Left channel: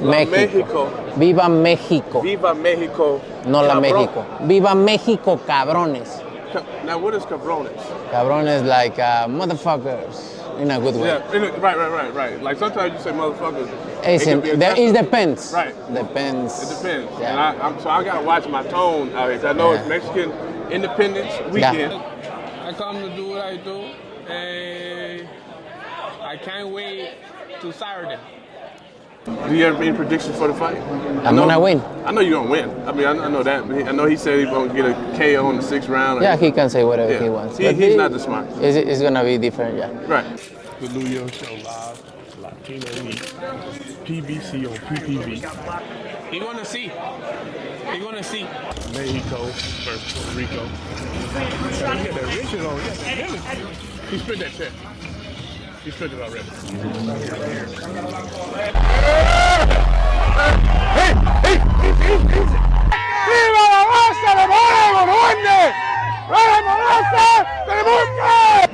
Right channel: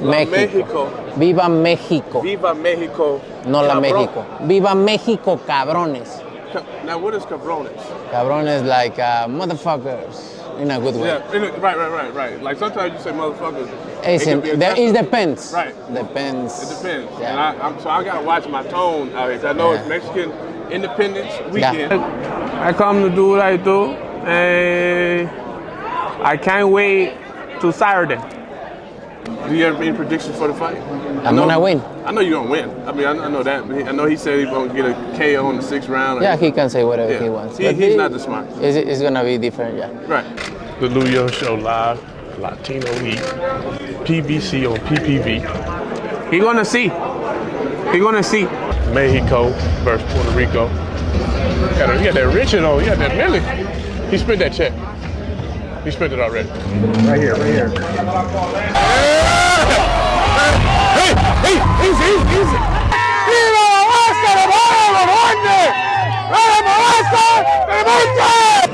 México. Viva México. Viva México. No la Cabrón. México. Viva México, cabrones. Now, what is cabrones? Cabrones like motherfuckers in a good way. Yeah, right. Like sometimes you say motherfuckers. It depends. Right. Depends. It depends. Yeah. And I gotta watch my tone out here. I know it's Mexican Independence Weekend. I come to do what I do, and I can't wait to Saturday. Do you have any predictions for the fight? I'm gonna win. I know you're gonna win. I mean, I know that. I know he said he's gonna get a KO in the 6th round. Yeah, he can say whatever he wants. He's not the smart. It's gonna be different, yeah. Right. The Lou Young Show live, Latino Heat, PBC on PPV. He gonna see. He gonna see. Mexico versus Puerto Rico. You got that Richard on. You got that Millie. He spent that check. He spent it already. Right here.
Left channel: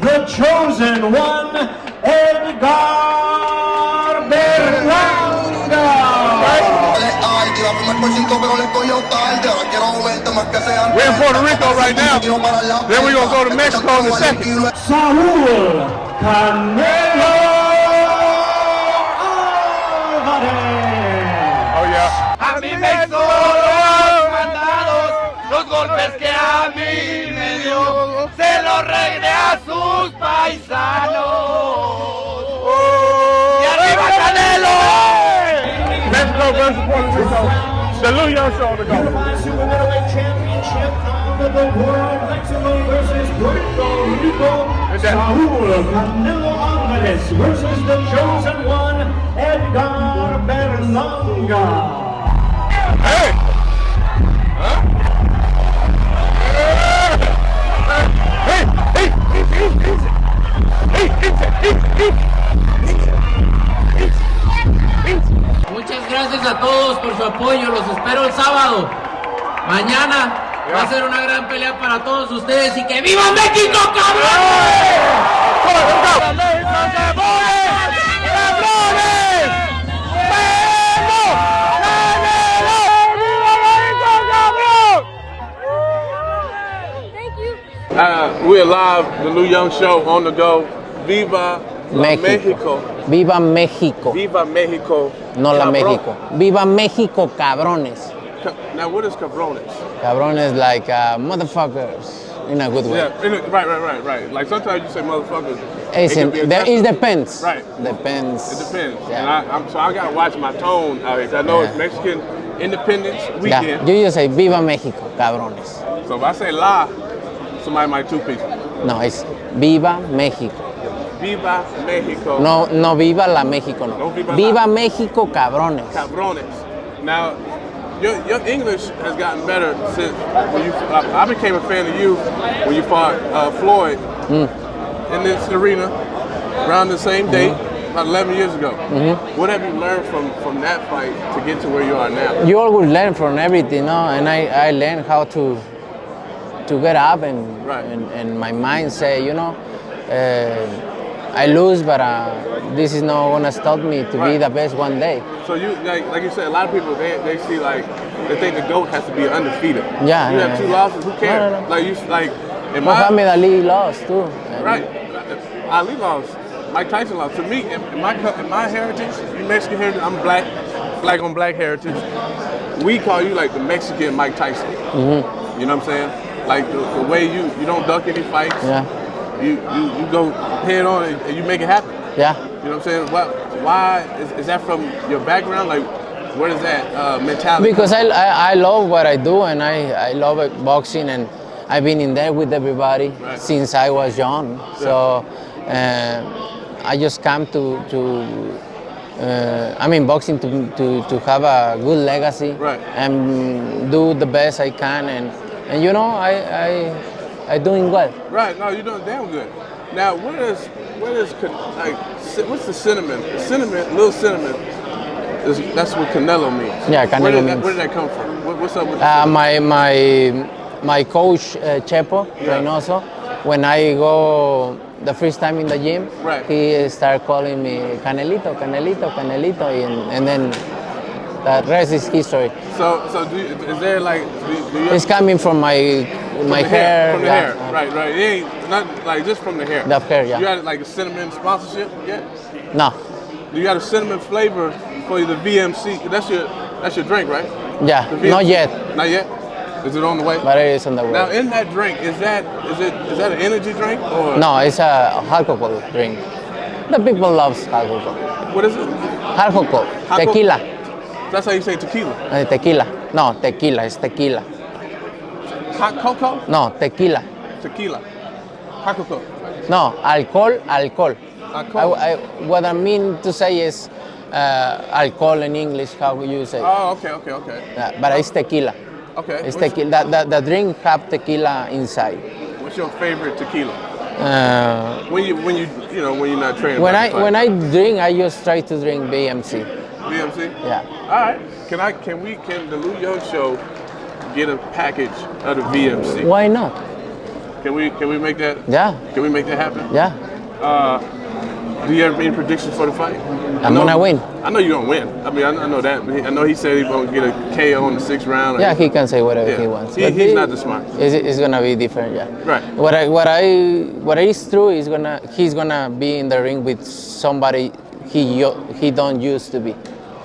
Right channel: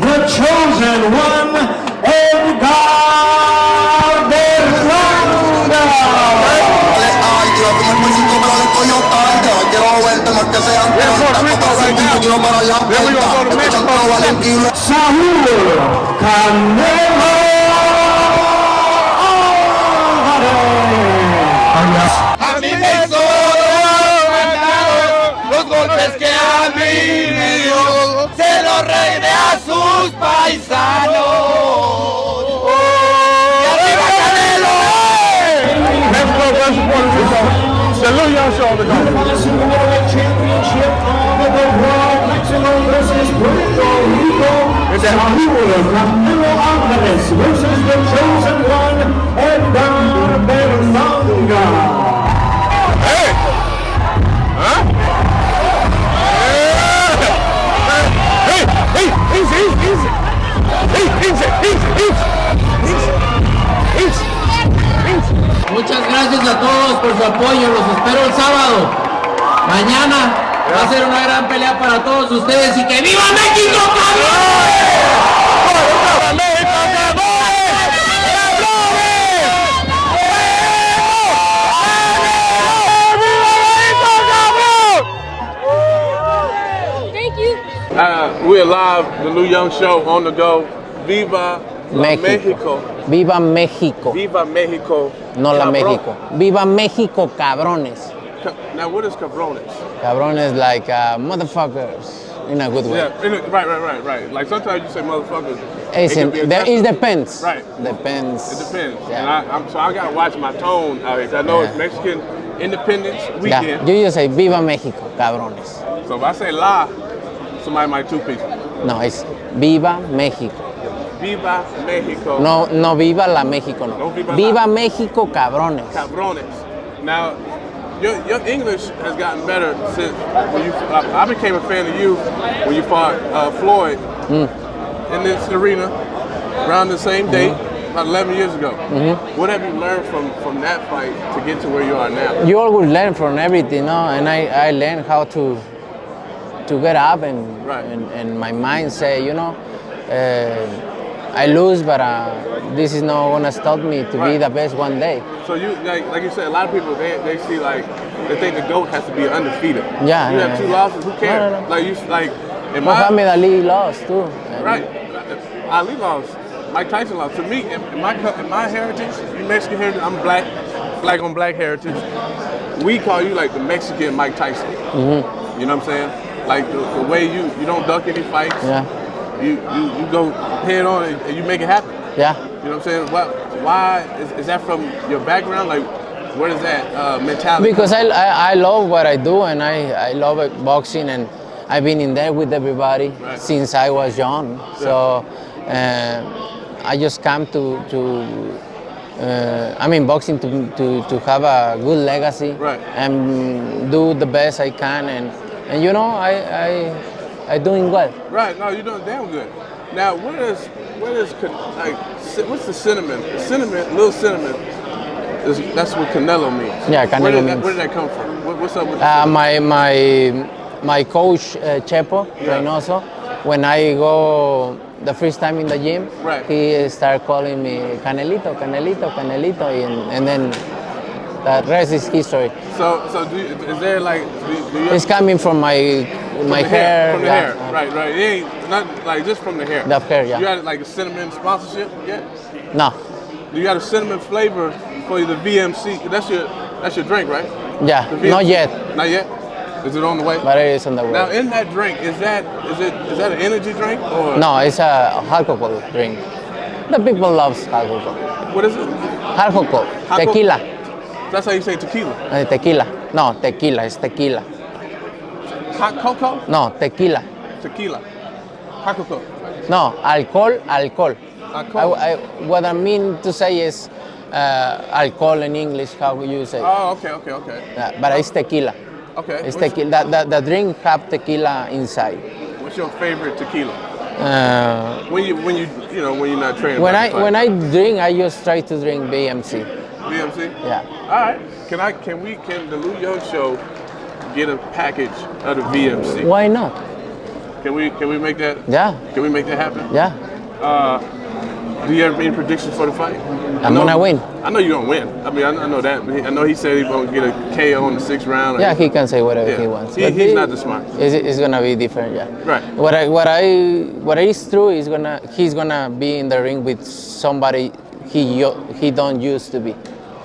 The chosen one, Edgar Berlanga. We're in Puerto Rico right now. Then we're going to go to Mexico in a second. Saúl Canelo Alvarez. A mí me sobran los golpes que a mí me dio. Se los reiné a sus paisanos. ¡Arriba Canelo! Canelo Alvarez versus the chosen one, Edgar Berlanga. Muchas gracias a todos por su apoyo, los espero el sábado. Mañana va a ser una gran pelea para todos ustedes y que ¡viva México, cabrón! We're live, the Lou Young Show on the go. Viva Mexico. Viva México. Viva Mexico. No la Cabrón. México. Viva México, cabrones. Now, what is cabrones? Cabrones like motherfuckers in a good way. Yeah, right. Like sometimes you say motherfuckers. It depends. Right. Depends. It depends. Yeah. And I gotta watch my tone out here. I know it's Mexican Independence Weekend. Yeah. You just say Viva México, cabrones. So if I say la, somebody might two-piece. No, it's Viva México. Viva Mexico. No Viva la México, no. No Viva Viva la. México, cabrones. Cabrones. Now, your English has gotten better since when I became a fan of you when you fought Floyd in this arena around the same date about 11 years ago. What have you learned from that fight to get to where you are now? You always learn from everything, no? And I learned how to get up and my mind say, I lose, but this is not gonna stop me to be the best one day. So you like you said, a lot of people they see they think the GOAT has to be undefeated. Yeah. You have 2 losses. Who cares? No. Like you like. Muhammad Ali lost too. Right. Ali lost. Mike Tyson lost. To me, in my heritage, in Mexican heritage, I'm black on black heritage. We call you like the Mexican Mike Tyson. You know what I'm saying? Like the way you don't duck any fights. Yeah. You go head on and you make it happen. Yeah. You know what I'm saying? Why is that from your background? Like, where does that mentality? Because I love what I do and I love boxing and I've been in there with everybody since I was young. Yeah. So I just come to boxing to have a good legacy and do the best I can and I doing well. Right, no, you're doing damn good. Now, what's the cinnamon? Little cinnamon. That's what Canelo means. Yeah, Canelo means. Where did that come from? What's up with my coach Chepo Reynoso. When I go the first time in the gym, he started calling me Canelito, and then The rest is history. So is there like do you It's coming from my hair. from the yeah. hair, right? It ain't not like just from the hair. The hair, yeah. You got like a cinnamon sponsorship yet? No, Do you got a cinnamon flavor for the VMC? That's your drink, right? yeah, The VMC? not yet, Not yet. Is it on the way? but it is on the Now way. in that drink, is that an energy drink or No, it's a alcohol drink. The people loves alcohol. what is it? Alcohol, Alcohol? tequila. That's how you say tequila. Tequila. No, tequila. It's tequila. Hot cocoa? No, tequila. Tequila. Hot cocoa. No, alcohol. Alcohol. What I mean to say is alcohol in English. How you say? Oh, okay. Yeah, but it's tequila. Okay. It's tequila. The drink have tequila inside. What's your favorite tequila? When you're not training. When I drink, I just try to drink BMC. VMC? Yeah. All right. Can the Lou Young Show get a package of the VMC? Why not? Can we make that? Yeah. Can we make that happen? Yeah. Do you have any predictions for the fight? I'm gonna win. I know you're gonna win. I mean, I know that. I know he said he's gonna get a KO in the 6th round. Yeah, he can say whatever Yeah. he wants. He's not the smartest. It's gonna be different, yeah. Right. What is true is he's gonna be in the ring with somebody he don't used to be,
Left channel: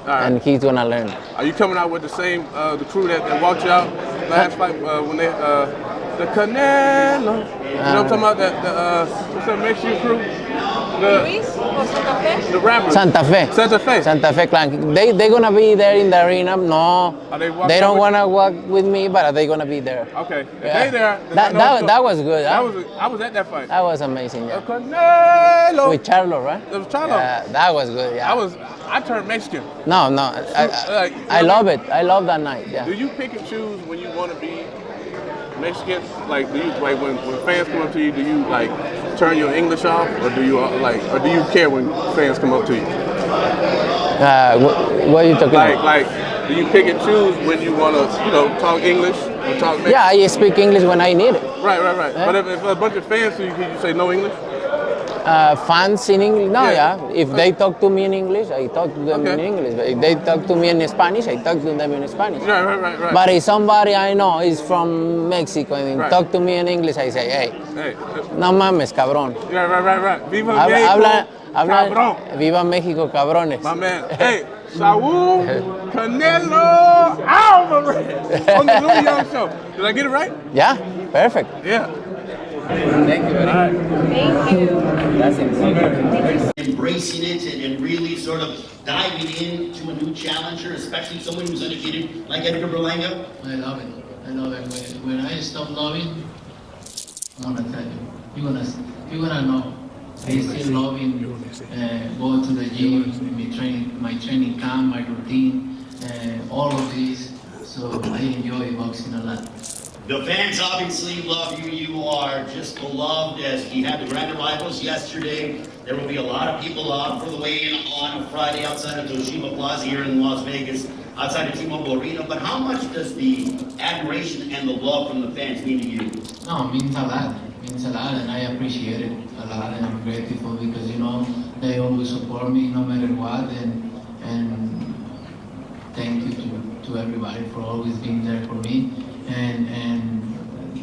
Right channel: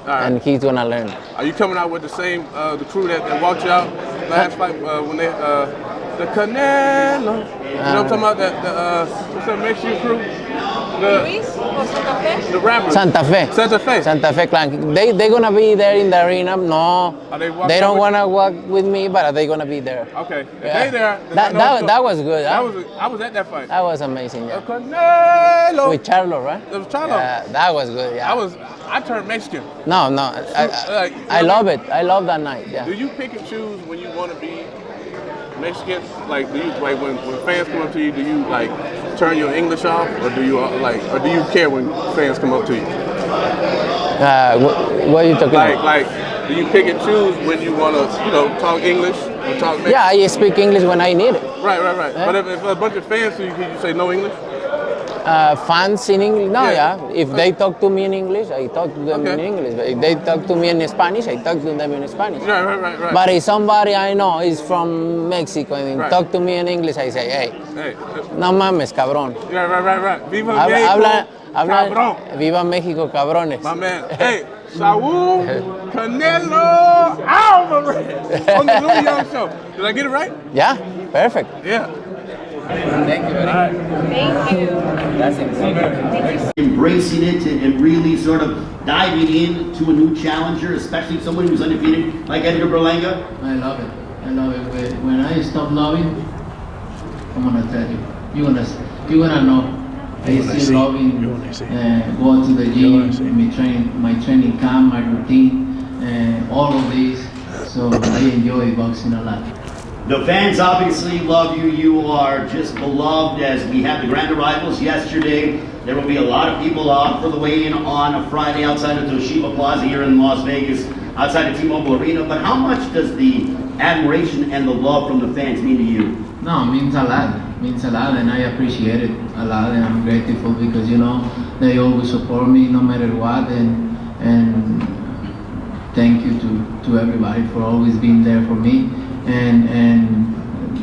right. and he's gonna learn. Are you coming out with the same the crew that walked you out last fight when they the Canelo? You know what I'm talking about? What's that Mexican crew? The rappers. Santa Fe. Santa Fe clan. They gonna be there in the arena. No, they don't wanna walk with me, but they gonna be there. Okay. If Yeah. they there. then That was good. I Huh? was at that fight. That was amazing. The Yeah. Canelo. With Charlo, right? It was Charlo. Yeah, that was good. Yeah. I turned Mexican. No. Like, I love it. I love that night. Yeah. Do you pick and choose when you want to be Mexican? Like, do you like when fans come up to you? Do you like turn your English off, or do you or do you care when fans come up to you? What are you talking about? Like, do you pick and choose when you want to, talk English or talk Mexican? Yeah, I speak English when I need it. Right. Yeah. But if a bunch of fans to you, can you say no English? Fans in English? No, Yeah. yeah. If they talk to me in English, I talk to them Okay. in English. But if they talk to me in Spanish, I talk to them in Spanish. Right. But if somebody I know is from Mexico and Right. talk to me in English, I say, hey, Hey. no mames, cabrón. Right. Viva México, Habla, cabrón. Viva México, cabrones. My man. Hey, Saúl Canelo Alvarez on the Louis Young Show. Did I get it right? Yeah, perfect. Yeah. Thank you very much. Thank you. That's insane. Embracing it and really sort of diving into a new challenger, especially someone who's undefeated like Edgar Berlanga? I love it. When I stop loving, I'm gonna tell you. You're gonna know. I still loving go to the gym, my training camp, my routine, all of these. So I enjoy boxing a lot. The fans obviously love you. You are just beloved as we have the grand arrivals yesterday. There will be a lot of people out for the weigh-in on a Friday outside of Toshiba Plaza here in Las Vegas, outside of T-Mobile Arena. But how much does the admiration and the love from the fans mean to you? No, it means a lot. It means a lot, and I appreciate it a lot, and I'm grateful because they always support me no matter what, and thank you to everybody for always being there for me. And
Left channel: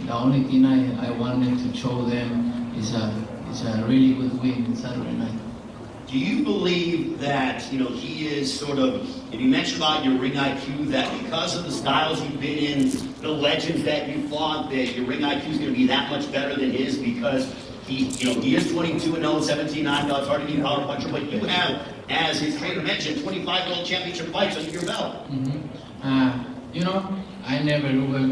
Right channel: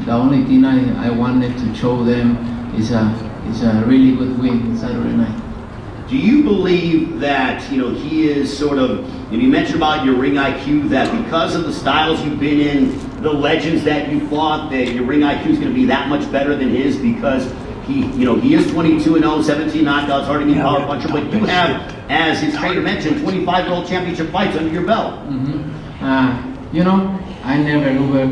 the only thing I wanted to show them is a really good win Saturday night. Do you believe that, he is sort of, and you mentioned about your ring IQ, that because of the styles you've been in, the legends that you fought, that your ring IQ is going to be that much better than his because he is 22-0, 17 knockouts, hard to be power puncher, but you have, as his trainer mentioned, 25 world championship fights under your belt. I never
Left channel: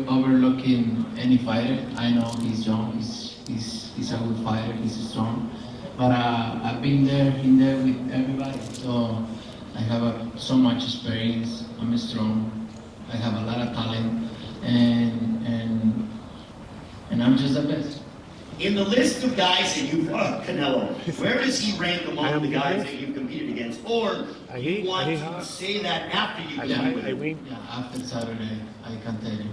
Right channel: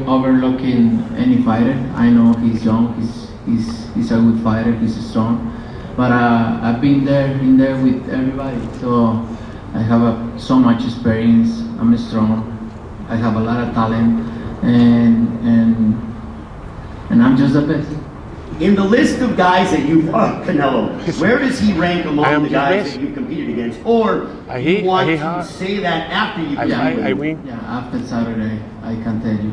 overlooking any fighter. I know he's young, he's a good fighter, he's strong. But I've been there with everybody. So I have so much experience, I'm strong, I have a lot of talent, and I'm just the best. In the list of guys that you've fought, Canelo, where does he rank among the guys that you've competed against? Or do you want to say that after you compete with him? Yeah, after Saturday, I can tell you.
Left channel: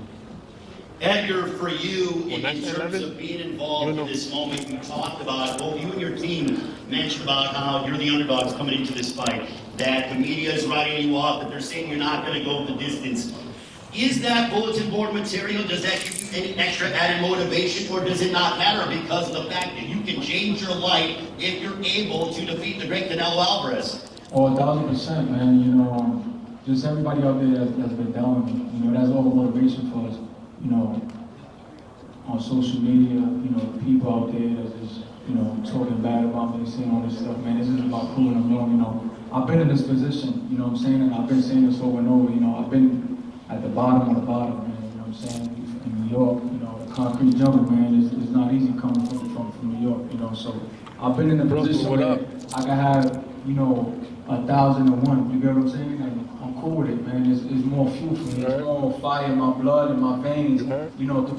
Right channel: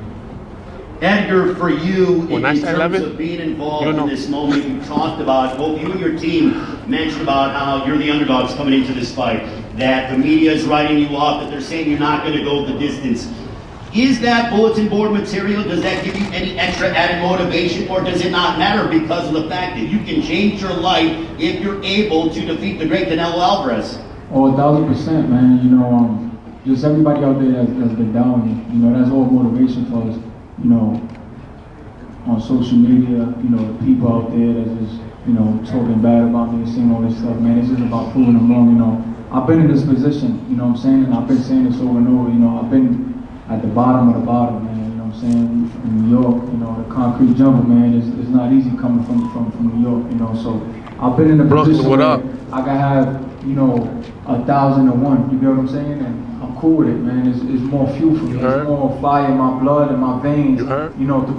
Edgar, for you, in terms of being involved in this moment, you talked about, both you and your team mentioned about how you're the underdogs coming into this fight, that the media is writing you off, that they're saying you're not going to go the distance. Is that bulletin board material, does that give you any extra added motivation, or does it not matter because of the fact that you can change your life if you're able to defeat the great Canelo Alvarez? Oh, 1,000%, man. You know, just everybody out there that's been down, you know, that's all motivation for us. You know, on social media, you know, the people out there that just, you know, talking bad about me and saying all this stuff, man. It's just about proving them wrong, you know. I've been in this position, you know what I'm saying, and I've been saying this over and over, you know, I've been at the bottom of the bottom, man, you know what I'm saying? In New York, you know, the concrete jungle, man, it's not easy coming from New York, you know, so I've been in the position where I can have, you know, 1,001, you get what I'm saying? And I'm cool with it, man. It's more fuel for me. It's more fire in my blood and my veins, you know, to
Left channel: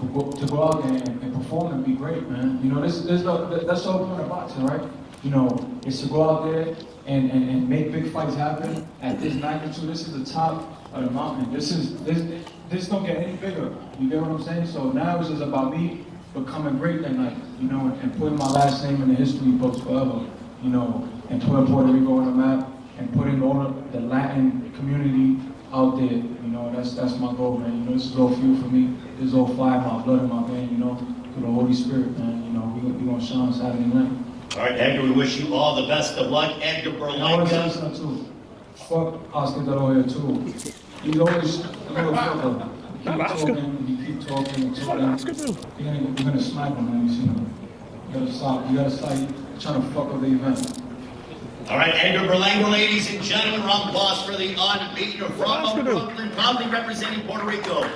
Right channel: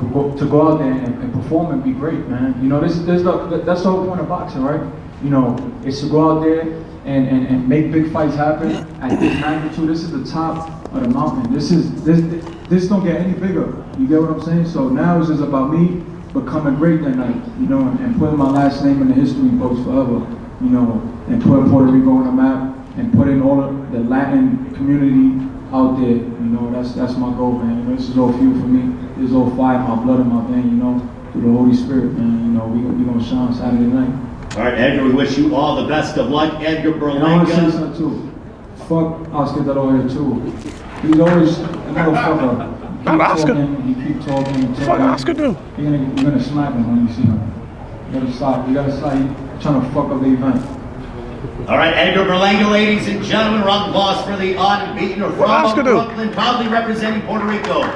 go out there and perform and be great, man. You know, that's the whole point of boxing, right? You know, it's to go out there and make big fights happen at this magnitude. This is the top of the mountain. This don't get any bigger. You get what I'm saying? So now it's just about me becoming great that night, you know, and putting my last name in the history books forever, you know, and putting Puerto Rico on the map and putting all of the Latin community out there. You know, that's my goal, man. You know, this is all fuel for me. This is all fire, my blood in my vein, you know, through the Holy Spirit, man. You know, we gonna shine Saturday night. All right, Edgar, we wish you all the best of luck. Edgar Berlanga. I want to say something too. Fuck Oscar De La Hoya too. He's always a motherfucker. You keep talking. What Oscar do? You're gonna smack him when you see him. You gotta stop. You gotta stop trying to fuck up the event. All right, Edgar Berlanga, ladies and gentlemen, round of applause for the unbeaten from Brooklyn, proudly representing Puerto Rico.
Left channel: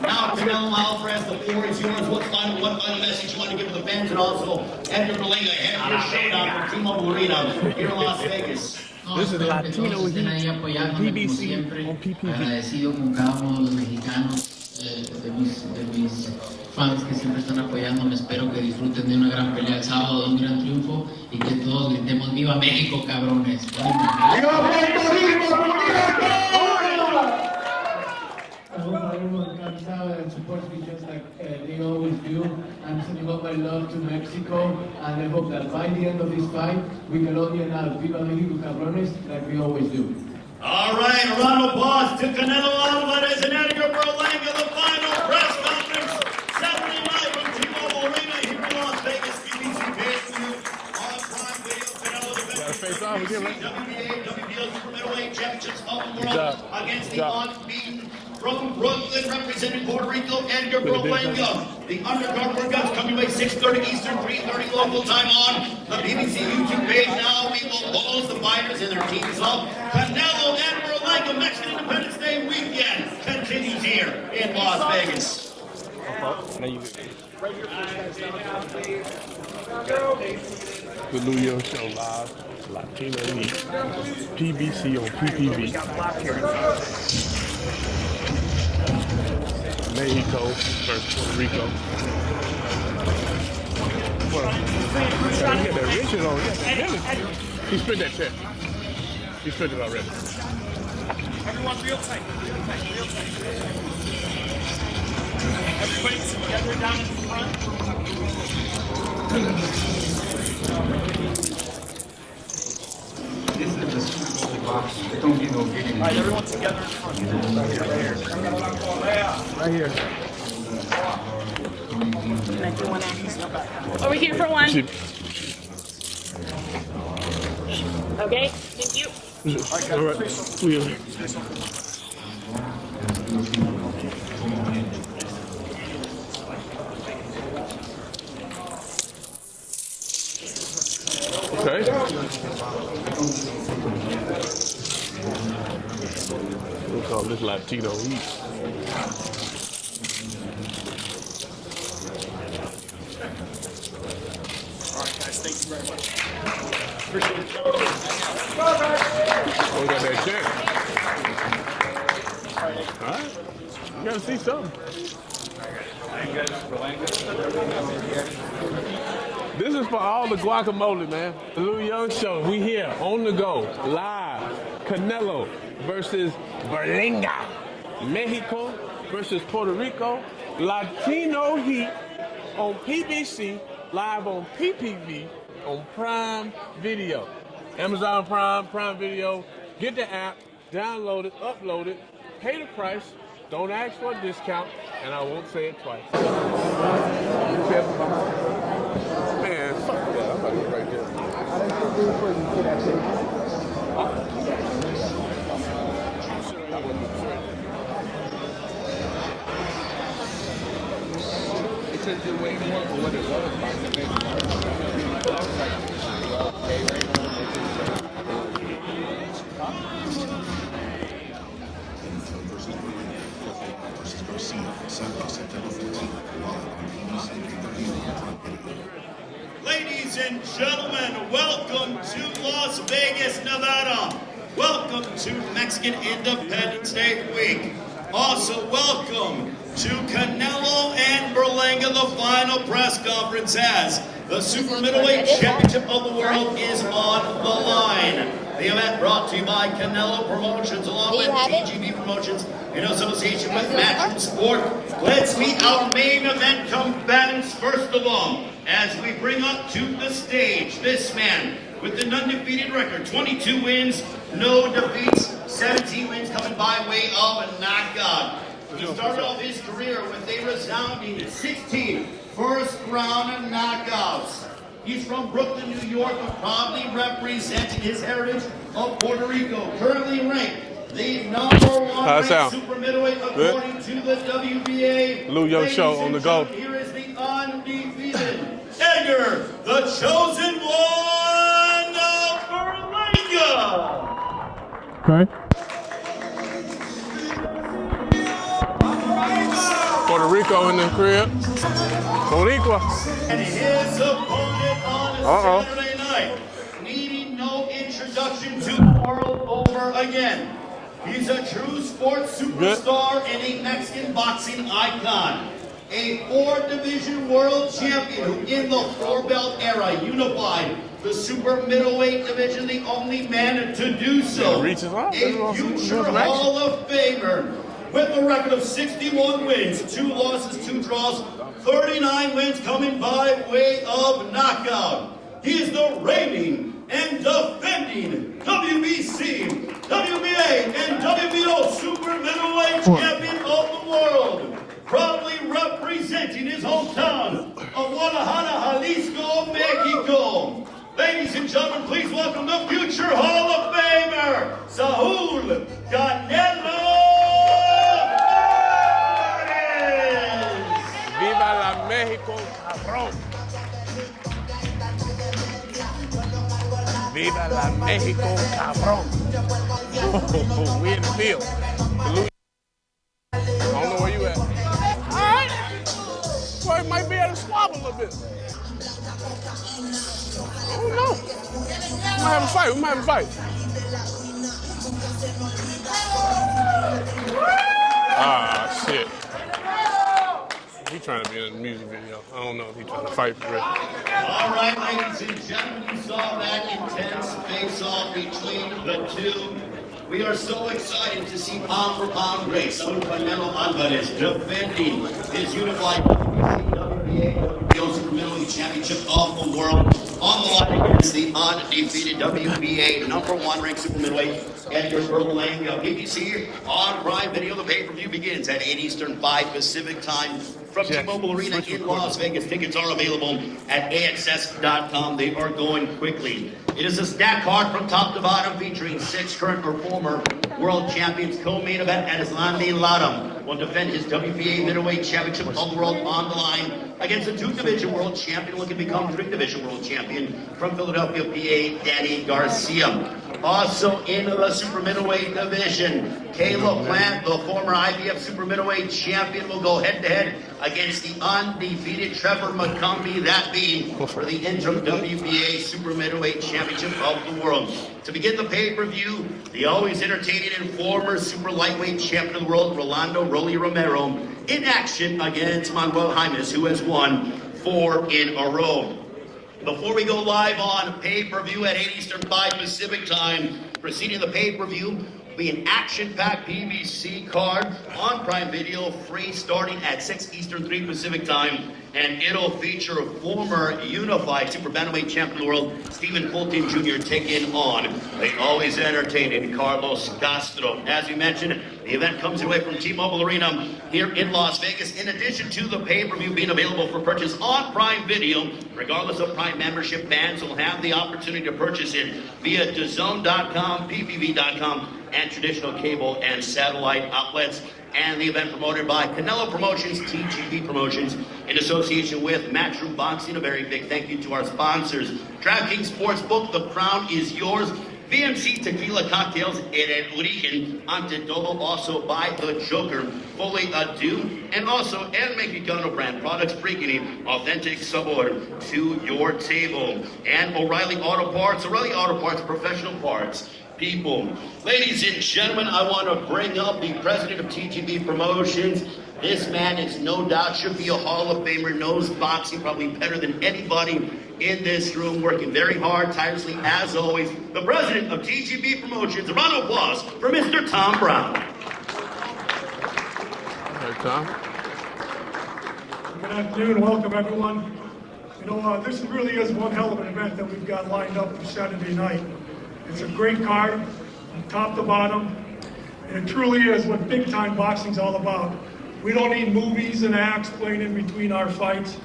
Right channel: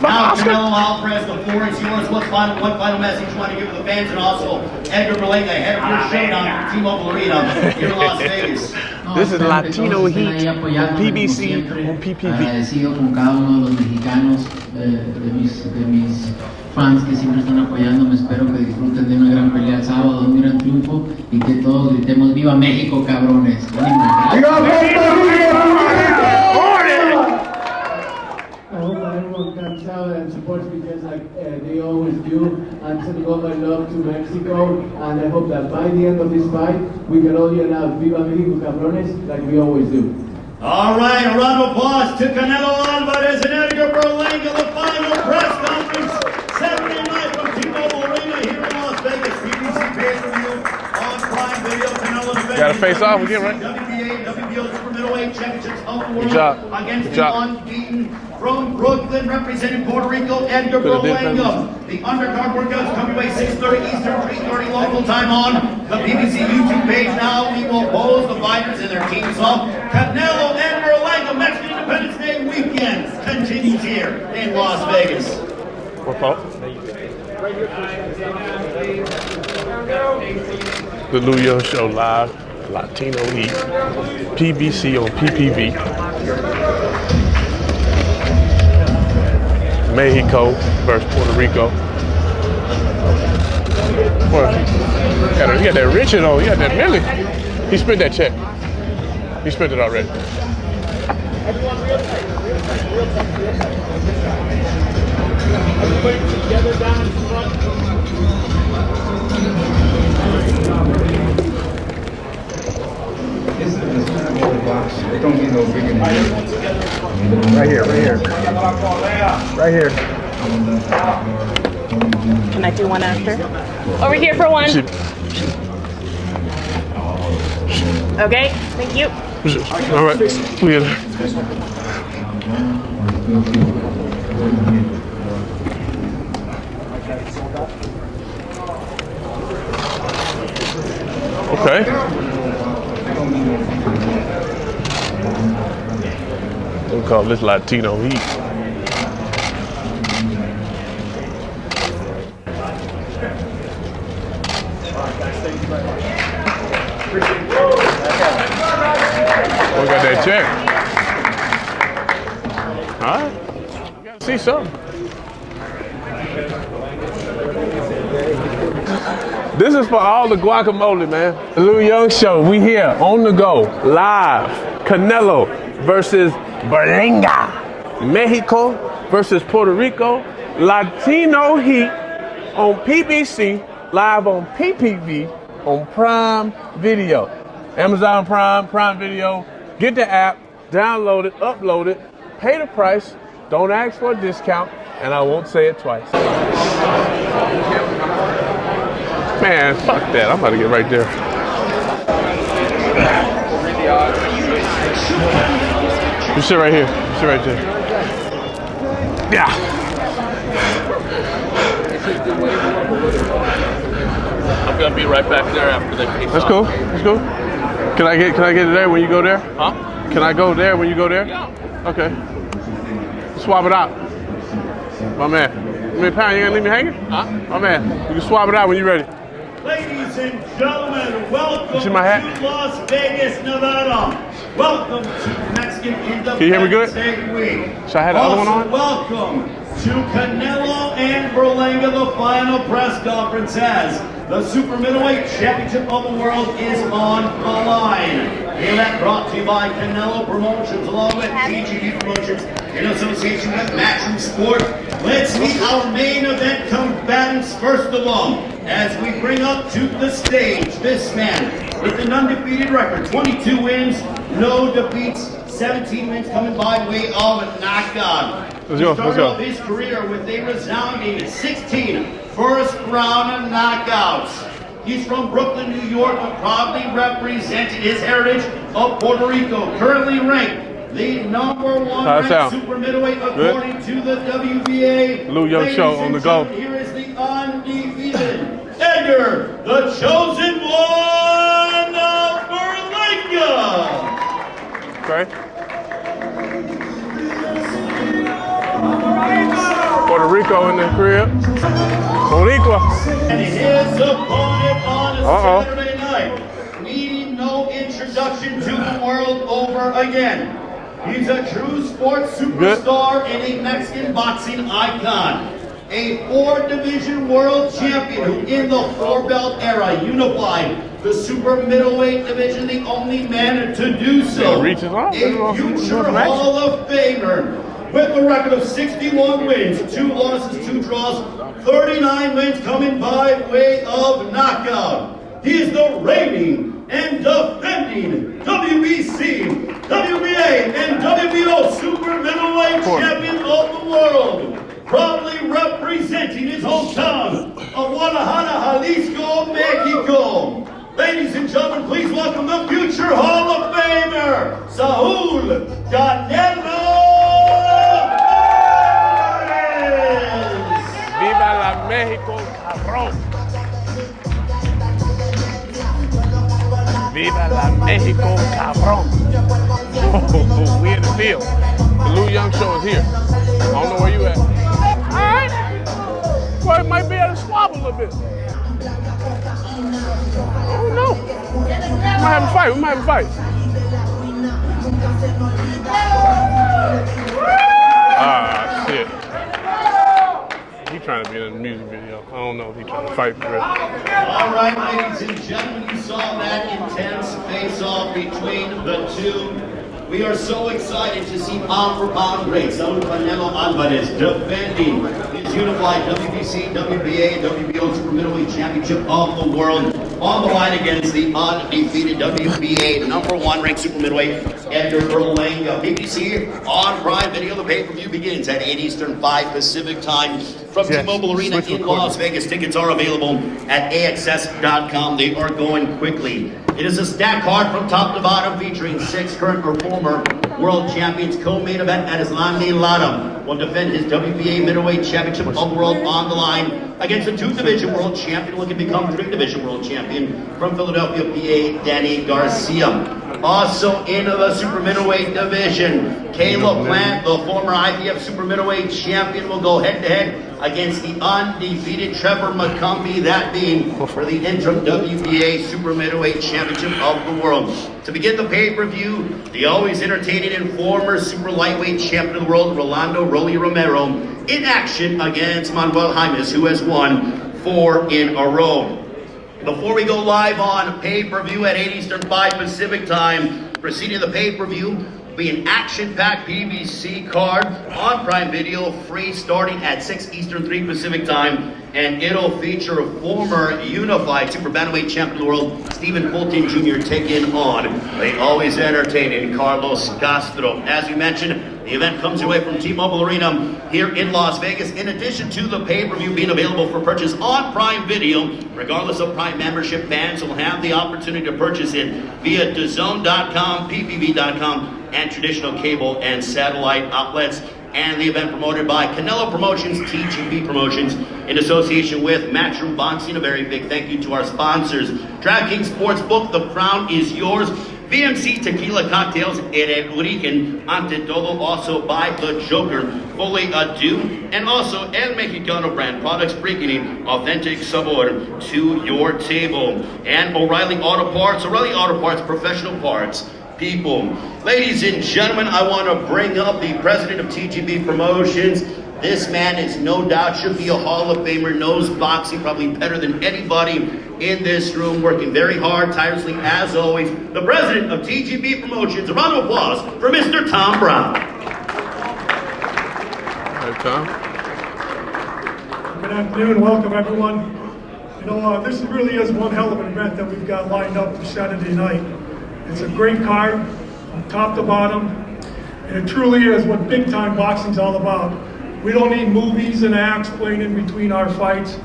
Now, Canelo Alvarez, the floor is yours. What final message you want to give to the fans, and also Edgar Berlanga, head of your showdown from T-Mobile Arena here in Las Vegas. This is Latino Heat, PBC on PPV. Agradecido con cada uno de los mexicanos, de mis fans que siempre están apoyándome. Espero que disfruten de una gran pelea el sábado, de un gran triunfo y que todos gritemos ¡Viva México, cabrones! I hope everyone comes out and supports me just like they always do. I'm sending all my love to Mexico, and I hope that by the end of this fight, we can all yell out Viva México, cabrones, like we always do. All right, a round of applause to Canelo Alvarez and Edgar Berlanga, the final press conference, Saturday night from T-Mobile Arena here in Las Vegas. PBC pay-per-view on Prime Video. Canelo defending. Gotta face off again, right? WBA, WBO Super Middleweight Championships of the world against the unbeaten from Brooklyn, representing Puerto Rico, Edgar Berlanga. The undercard workouts coming by 6:30 Eastern, 3:30 local time on the BBC YouTube page. Now we will pose the fighters and their teams off. Canelo and Berlanga, Mexican Independence Day weekend continues here in Las Vegas. The New York Show live, Latino Heat, PBC on PPV. Mexico versus Puerto Rico. You got that Richard on, you got that Millie. He spent that check. He spent it already. Everyone real tight, real tight. Everybody together down in front. This is a Super Bowl box. It don't get no bigger than this. Right here. Right here. Can I do one after? Over here for one. Okay, thank you. All right, clear. Okay. We'll call this Latino Heat. We got that check. All right. You gotta see something. This is for all the guacamole, man. The Lou Young Show. We here on the go, live. Canelo versus Berlanga. Mexico versus Puerto Rico. Latino Heat on PBC, live on PPV on Prime Video. Amazon Prime, Prime Video, Get the app, download it, upload it, pay the price, don't ask for a discount, and I won't say it twice. Man, fuck that. I'm about to get right there. You sit right here. You sit right there. Yeah. I'm gonna be right back there after the kick. That's cool. That's cool. Can I get it there when you go there? Huh? Can I go there when you go there? Yeah. Okay. Swap it out. My man. Pound, you gonna leave me hanging? Huh? My man. You can swap it out when you're ready. Ladies and gentlemen, welcome See my hat? to Las Vegas, Nevada. Welcome to Mexican Can you hear me good? Independence Day week. Should I have the other one on? Welcome to Canelo and Berlanga. The final press conference has the Super Middleweight Championship of the World is on the line. The event brought to you by Canelo Promotions along with TGV Promotions in association with Matchroom Sport. Let's meet our main event combatants first of all. As we bring up to the stage this man with an undefeated record, 22 wins, no defeats, 17 wins coming by way of a knockout. Let's go. He started off his career with a resounding 16 first-round knockouts. He's from Brooklyn, New York, proudly representing his heritage of Puerto Rico. Currently ranked the number one ranked super middleweight according to the WBA. Lou Young Show on the go. Here is the undefeated Edgar, the chosen one of Berlanga. Okay. Puerto Rico in the crib. Boricua. And his opponent on Saturday night, needing no introduction to the world over again. He's a true sports superstar and a Mexican boxing icon. A 4-division world champion who in the 4-belt era unified the super middleweight division, the only man to do so. A future Hall of Famer with a record of 61 wins, 2 losses, 2 draws, 39 wins coming by way of knockout. He is the reigning and defending WBC, WBA, and WBO super middleweight champion of the world. Proudly representing his hometown of Guadalajara, Jalisco, Mexico. Ladies and gentlemen, please welcome the future Hall of Famer, Saul Canelo Alvarez. Viva la México, cabrón. Viva la México, cabrón. We in the field. The Lou Young Show is here. I don't know where you at. Alright. Well, it might be able to swab a little bit. I don't know. We might have a fight. We might have a fight. Ah, shit. He trying to be in a music video. I don't know if he's trying to fight for real. All right, ladies and gentlemen, you saw that intense face-off between the two. We are so excited to see pound-for-pound great Saul Canelo Alvarez defending his unified WBC, WBA, and WBO Super Middleweight Championship of the World on the line against the undefeated WBA #1 ranked super middleweight Edgar Berlanga. BBC on Prime Video. The pay-per-view begins at 8 Eastern, 5 Pacific time from T-Mobile Arena in Las Vegas. Tickets are available at AXS.com. They are going quickly. It is a stacked card from top to bottom featuring 6 current or former world champions. Co-main event at Islandi Lara will defend his WBA middleweight championship of the world on the line against a 2-division world champion looking to become 3-division world champion from Philadelphia, PA, Danny Garcia. Also in the super middleweight division, Caleb Plant, the former IBF super middleweight champion, will go head-to-head against the undefeated Trevor McCumbee, that being for the interim WBA super middleweight championship of the world. To begin the pay-per-view, the always entertaining and former super lightweight champion of the world, Rolando Rolly Romero, in action against Manuel Jaimes, who has won 4 in a row. Before we go live on pay-per-view at 8 Eastern, 5 Pacific time, preceding the pay-per-view, Be an action-packed PBC card on Prime Video, free starting at 6 Eastern, 3 Pacific time, and it'll feature a former unified super bantamweight champion of the world, Stephen Fulton Jr., taking on the always entertaining Carlos Castro. As you mentioned, the event comes away from T-Mobile Arena here in Las Vegas. In addition to the pay-per-view being available for purchase on Prime Video, regardless of Prime membership, fans will have the opportunity to purchase it via DAZN.com, PPV.com, and traditional cable and satellite outlets. And the event promoted by Canelo Promotions, TGB Promotions, in association with Matchroom Boxing. A very big thank you to our sponsors. DraftKings Sportsbook, the crown is yours. BMC Tequila Cocktails in El Origen, Ante Todo, also by The Joker, Fully Ado, and also El Mexicano brand products, bringing authentic sabor to your table. And O'Reilly Auto Parts, professional parts. People. Ladies and gentlemen, I want to bring up the president of TGB Promotions. This man is no doubt should be a Hall of Famer, knows boxing probably better than anybody in this room, working very hard, tirelessly as always. The president of TGB Promotions. A round of applause for Mr. Tom Brown. Hey, Tom. Good afternoon, welcome everyone. You know, this really is one hell of an event that we've got lined up for Saturday night. It's a great card, from top to bottom, and it truly is what big-time boxing's all about. We don't need movies and acts playing in between our fights.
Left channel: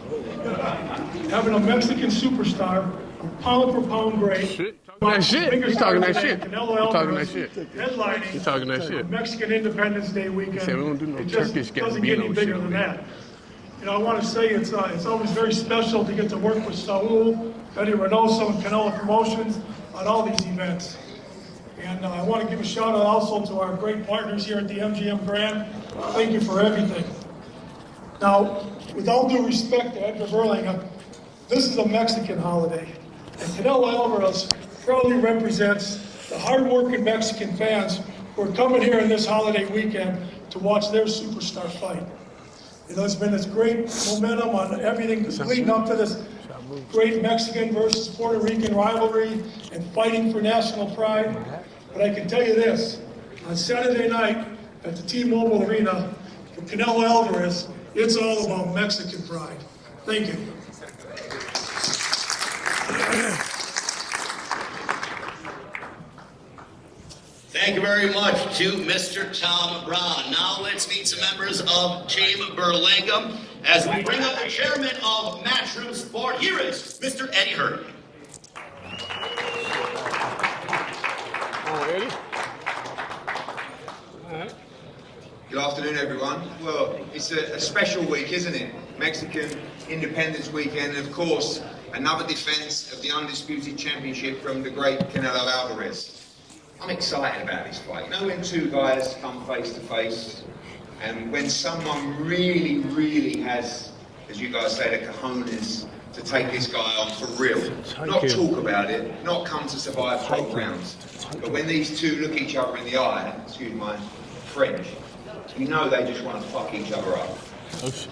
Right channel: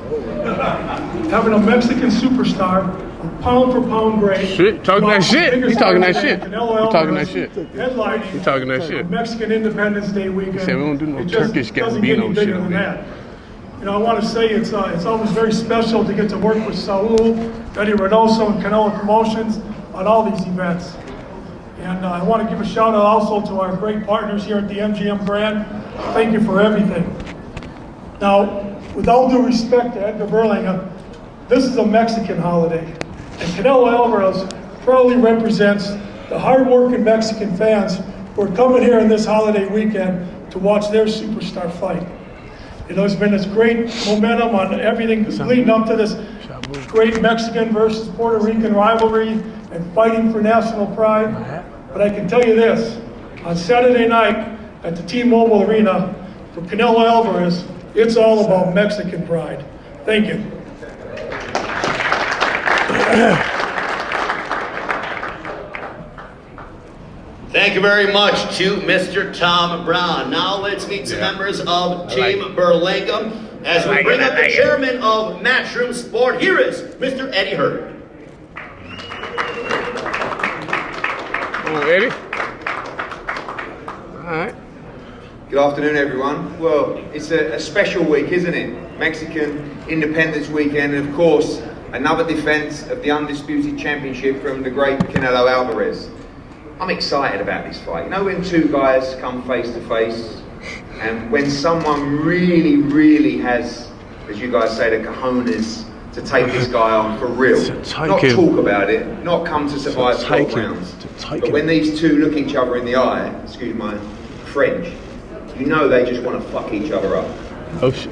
Having a Mexican superstar, pound for pound great. Shit, talking that shit. You talking that shit. You talking that shit. Headlining You talking that shit. Mexican Independence Day weekend. Say we don't do no Turkish doesn't get any Gambino bigger shit. than that. You know, I want to say it's always very special to get to work with Saul, Eddie Reynoso, and Canelo Promotions on all these events. And I want to give a shout out also to our great partners here at the MGM brand. Thank you for everything. Now, with all due respect to Edgar Berlanga, this is a Mexican holiday. And Canelo Alvarez proudly represents the hard-working Mexican fans who are coming here on this holiday weekend to watch their superstar fight. You know, there's been this great momentum on everything leading up to this great Mexican versus Puerto Rican rivalry and fighting for national pride. But I can tell you this, on Saturday night at the T-Mobile Arena for Canelo Alvarez, it's all about Mexican pride. Thank you. Thank you very much to Mr. Tom Brown. Now let's meet some members of Team Berlanga as we bring up the chairman of Matchroom Sport. Here is Mr. Eddie Hurd. Oh, Eddie. All right. Good afternoon, everyone. Well, it's a special week, isn't it? Mexican Independence Weekend, and of course, another defense of the undisputed championship from the great Canelo Alvarez. I'm excited about this fight. You know, when two guys come face to face, and when someone really, really has, as you guys say, the cojones to take this guy on for real. Not talk about it, not come to survive 12 rounds. But when these two look each other in the eye, excuse my French, you know they just want to fuck each other up. This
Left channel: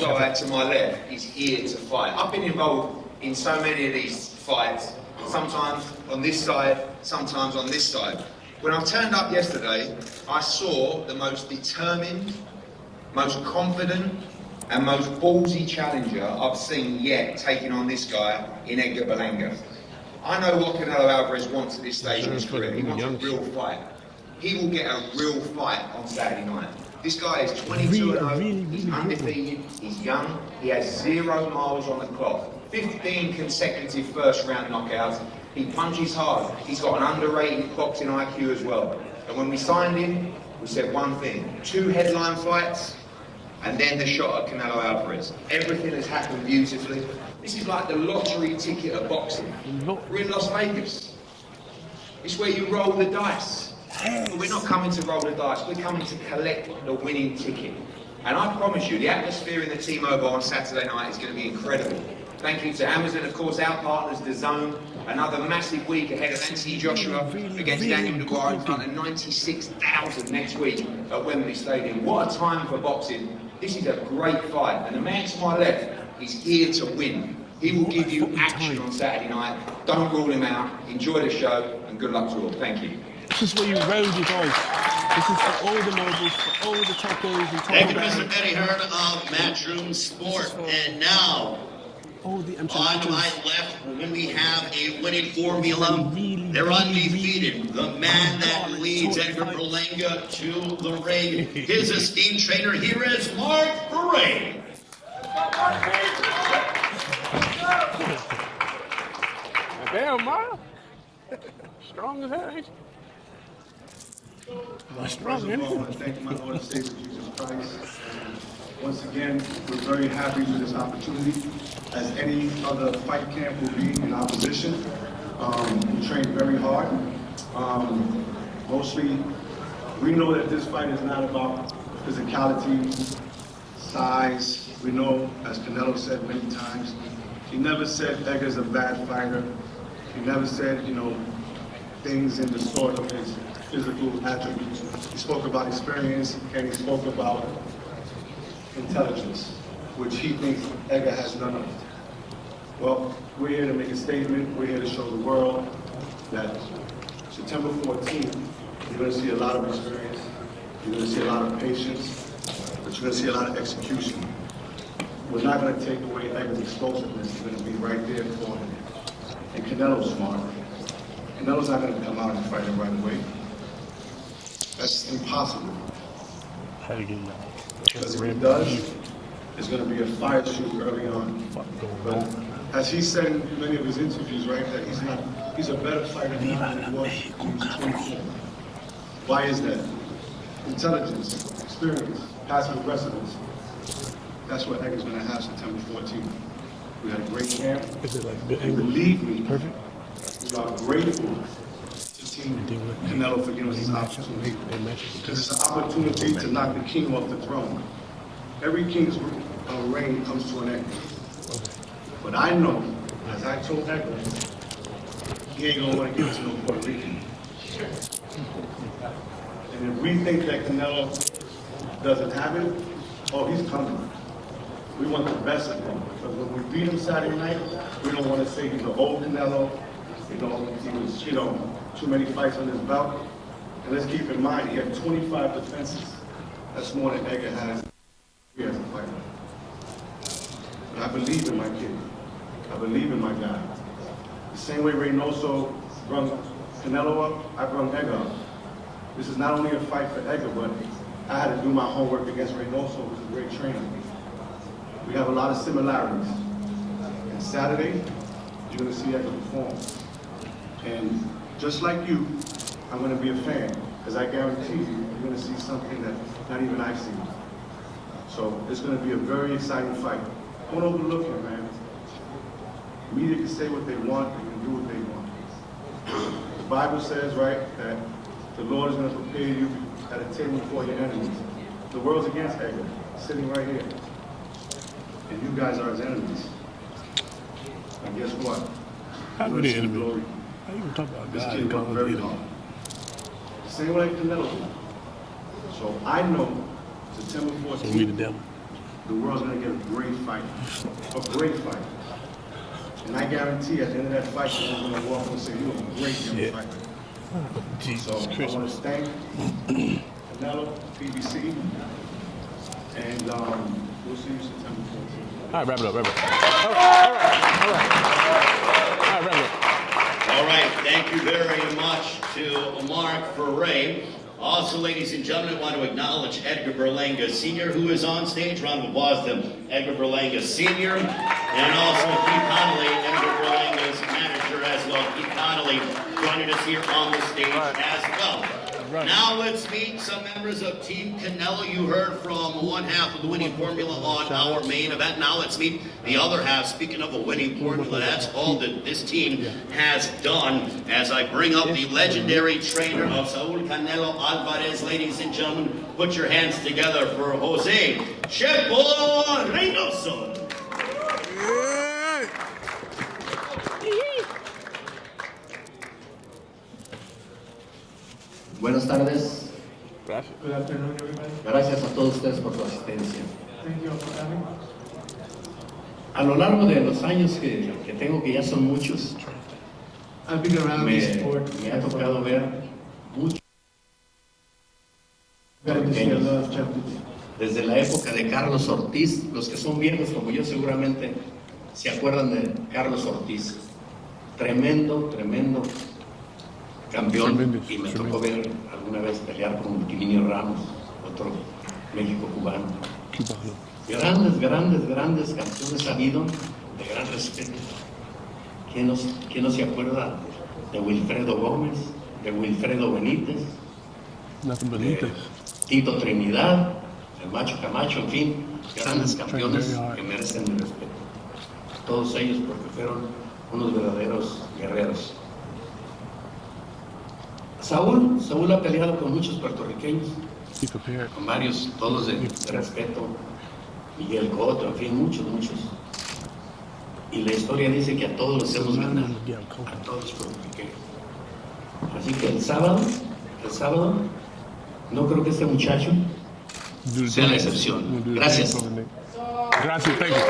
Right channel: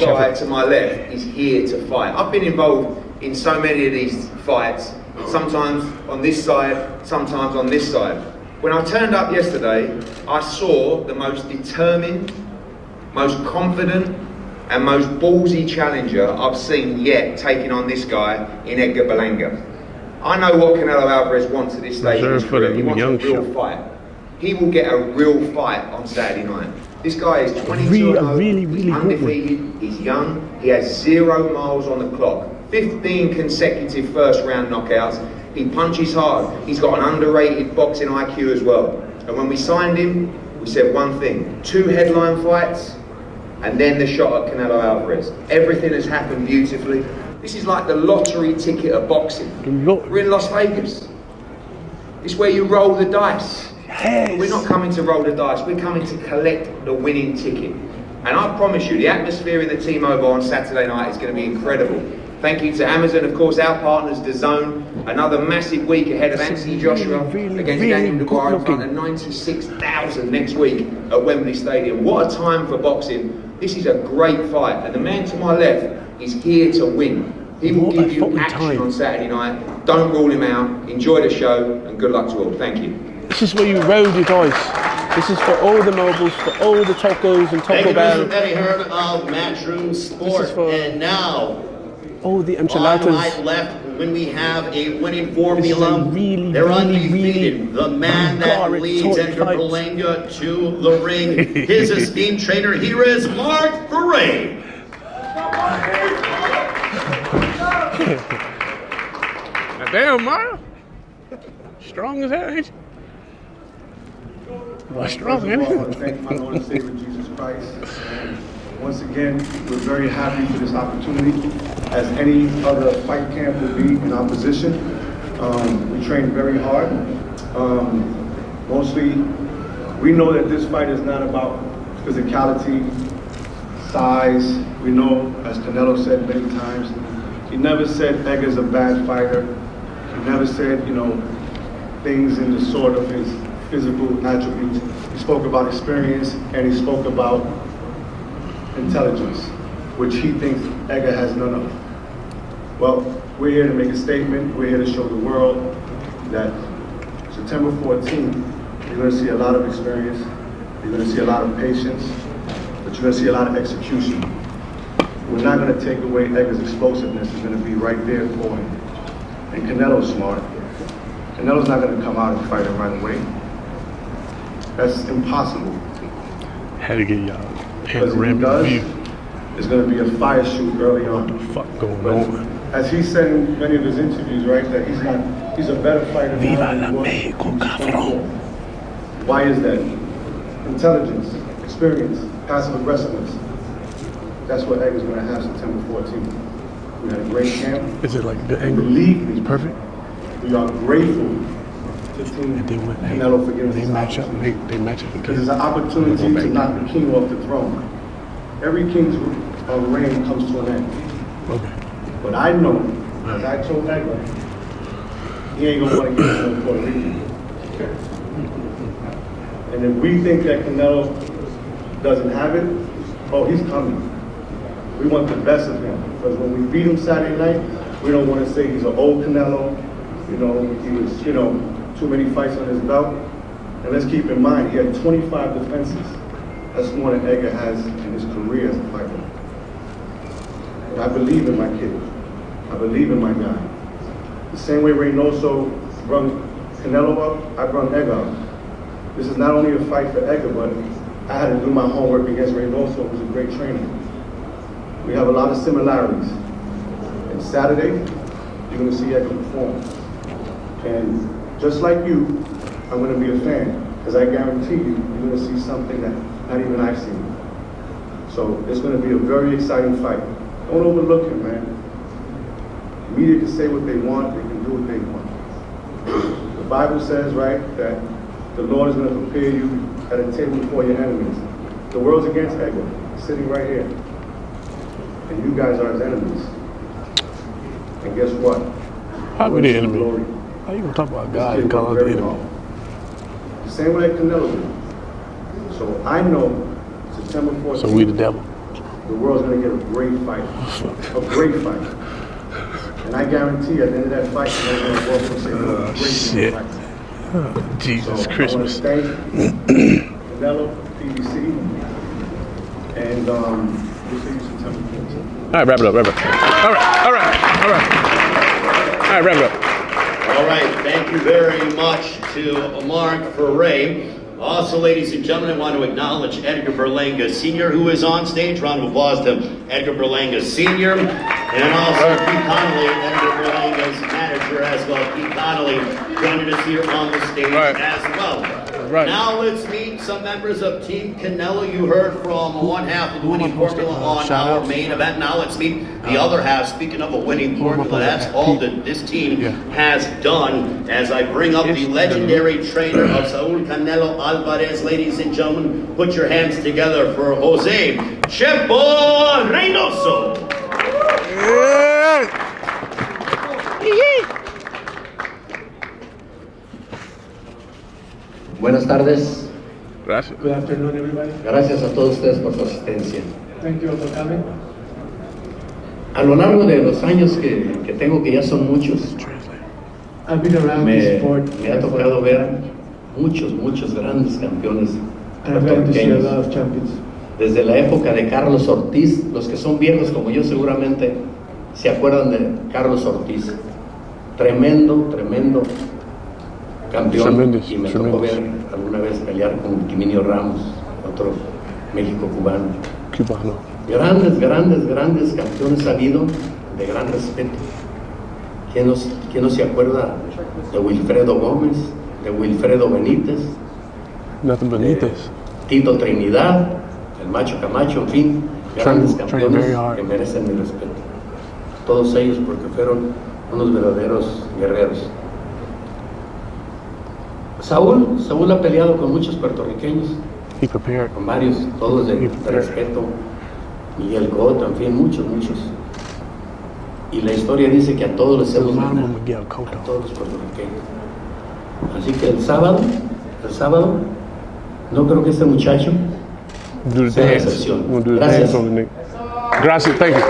guy to my left is here to fight. I've been involved in so many of these fights, sometimes on this side, sometimes on this side. When I turned up yesterday, I saw the most determined, most confident, and most ballsy challenger I've seen yet taking on this guy in Edgar Berlanga. I know what Canelo Alvarez wants at this stage of his career. He wants a real fight. He will get a real fight on Saturday night. This guy is 22-0, he's undefeated, he's young, he has 0 miles on the clock, 15 consecutive first round knockouts, he punches hard, he's got an underrated boxing IQ as well. And when we signed him, we said one thing, 2 headline fights, and then the shot at Canelo Alvarez. Everything has happened beautifully. This is like the lottery ticket of boxing. We're in Las Vegas. It's where you roll the dice. Yes. We're not coming to roll the dice, we're coming to collect the winning ticket. And I promise you, the atmosphere in the T-Mobile on Saturday night is going to be incredible. Thank you to Amazon, of course, our partners, DAZN. Another massive week ahead of Anthony Joshua against Daniel Dubois in front of 96,000 next week at Wembley Stadium. What a time for boxing. This is a great fight. And the man to my left is here to win. He will give you action on Saturday night. Don't rule him out. Enjoy the show and good luck to all. Thank you. This is where you roll your dice. This is for all the mobiles, for all the tacos and Thank taco you, Mr. bells. Petty Heard of Matchroom Sport. And now, all the on enchiladas. my left, when we have a winning formula, they're undefeated. The man that leads Edgar Berlanga to the ring, his esteemed trainer, here is Mark Ferray. Damn, Mark. Strong as hell, ain't you? First of all, I want to thank my Lord and Savior Jesus Christ. And once again, we're very happy for this opportunity. As any other fight camp will be in our position, we trained very hard. Mostly, we know that this fight is not about physicality, size. We know, as Canelo said many times, he never said Edgar's a bad fighter. He never said, things in the sort of his physical attributes. He spoke about experience and he spoke about intelligence, which he thinks Edgar has none of. Well, we're here to make a statement. We're here to show the world that September 14th, you're going to see a lot of experience, you're going to see a lot of patience, but you're going to see a lot of execution. We're not going to take away Edgar's explosiveness. It's going to be right there for him. And Canelo's smart. Canelo's not going to come out and fight him right away. That's impossible. Had to get y'all. Because if he does, it's going to be a fire shoot early on. Fuck going on. As he said in many of his interviews, right, that he's a better fighter than he was. Why is that? Intelligence, experience, passive aggressiveness. That's what Edgar's going to have September 14th. We had a great camp. Is it like the angle? Believe me. Perfect. We are grateful to Team Canelo for giving us this opportunity. They match up Because it's an opportunity to knock the king off the throne. Every king's reign comes to an end. Okay. But I know, as I told Edgar, he ain't gonna want to get us no Puerto Rican. And if we think that Canelo doesn't have it, oh, he's coming. We want the best of him. Because when we beat him Saturday night, we don't want to say he's an old Canelo. He was, too many fights on his belt. And let's keep in mind, he had 25 defenses. That's more than Edgar has in his career as a fighter. But I believe in my kid. I believe in my guy. The same way Reynoso brung Canelo up, I brung Edgar up. This is not only a fight for Edgar, but I had to do my homework against Reynoso, who's a great trainer. We have a lot of similarities. And Saturday, you're going to see Edgar perform. And just like you, I'm going to be a fan, because I guarantee you, you're going to see something that not even I've seen. So it's going to be a very exciting fight. Don't overlook it, man. The media can say what they want, they can do what they want. The Bible says, right, that the Lord is going to prepare you at a table before your enemies. The world's against Edgar, sitting right here. And you guys are his enemies. And guess what? How are the enemy? How you gonna talk about God and call us the enemy? Same way Canelo did. So I know September 14th. So we the devil. The world's gonna get a great fight. A great fight. And I guarantee at the end of that fight, they're gonna walk and say, look, a great fight. Oh, Jesus Christmas. I want to thank Canelo, PBC, and we'll see you September 14th. All right, wrap it up, wrap it up. All right, wrap it up. All right, thank you very much to Mark Ferray. Also, ladies and gentlemen, I want to acknowledge Edgar Berlanga Sr., who is on stage. Round of applause to Edgar Berlanga Sr. And also Pete Connolly, Edgar Berlanga's manager as well. Pete Connolly joining us here on the stage as well. Right. Now let's meet some members of Team Canelo. You heard from one half of the winning formula on our main event. Now let's meet the other half. Speaking of a winning formula, that's all that this team has done. As I bring up the legendary trainer of Saul Canelo Alvarez, ladies and gentlemen, put your hands together for Jose Chepo Reynoso. Buenas tardes. Gracias. Good afternoon, everybody. Gracias a todos ustedes por su asistencia. Thank you for coming. A lo largo de los años que tengo, que ya son muchos, I've been around this sport. me ha tocado ver muchos grandes campeones And I'm glad to see a puertorriqueños. lot of champions. Desde la época de Carlos Ortiz, los que son viejos como yo seguramente se acuerdan de Carlos Ortiz. Tremendo campeón. Tremendous, Y me tocó ver alguna vez pelear con Timinio Ramos, otro México cubano. Cubano. Grandes campeones ha habido de gran respeto. ¿Quién no se acuerda de Wilfredo Gómez, de Wilfredo Benítez, Nothing Benítez. Tito Trinidad, el Macho Camacho, en fin, grandes Trained campeones very hard. que merecen mi respeto. Todos ellos porque fueron unos verdaderos guerreros. Saúl ha peleado con muchos puertorriqueños, He prepared. con varios, todos de respeto. Miguel Cotto, en fin, muchos. Y la historia dice que a todos les hemos ganado, a todos los puertorriqueños. Así que el sábado, no creo que este muchacho Do the sea la dance. excepción. We'll do the Gracias. dance on the Nick. Gracias, thank you.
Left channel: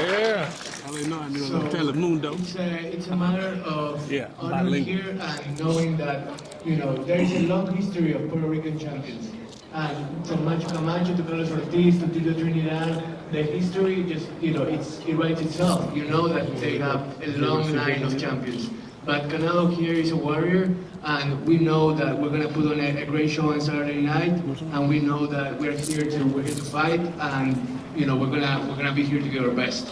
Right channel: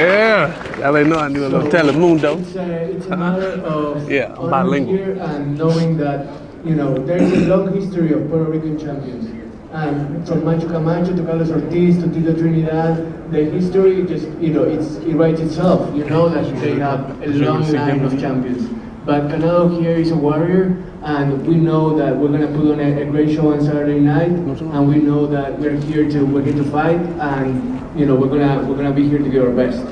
Yeah, y'all ain't know I knew a little Telemundo. It's a matter of Yeah, honor bilingual. here and knowing that, there's a long history of Puerto Rican champions. And from Macho Camacho to Carlos Ortiz to Tito Trinidad, the history just, it writes itself. You know that they have a long line of champions. But Canelo here is a warrior, and we know that we're gonna put on a great show on Saturday night, and we know that we're here to fight, and we're gonna be here to give our best.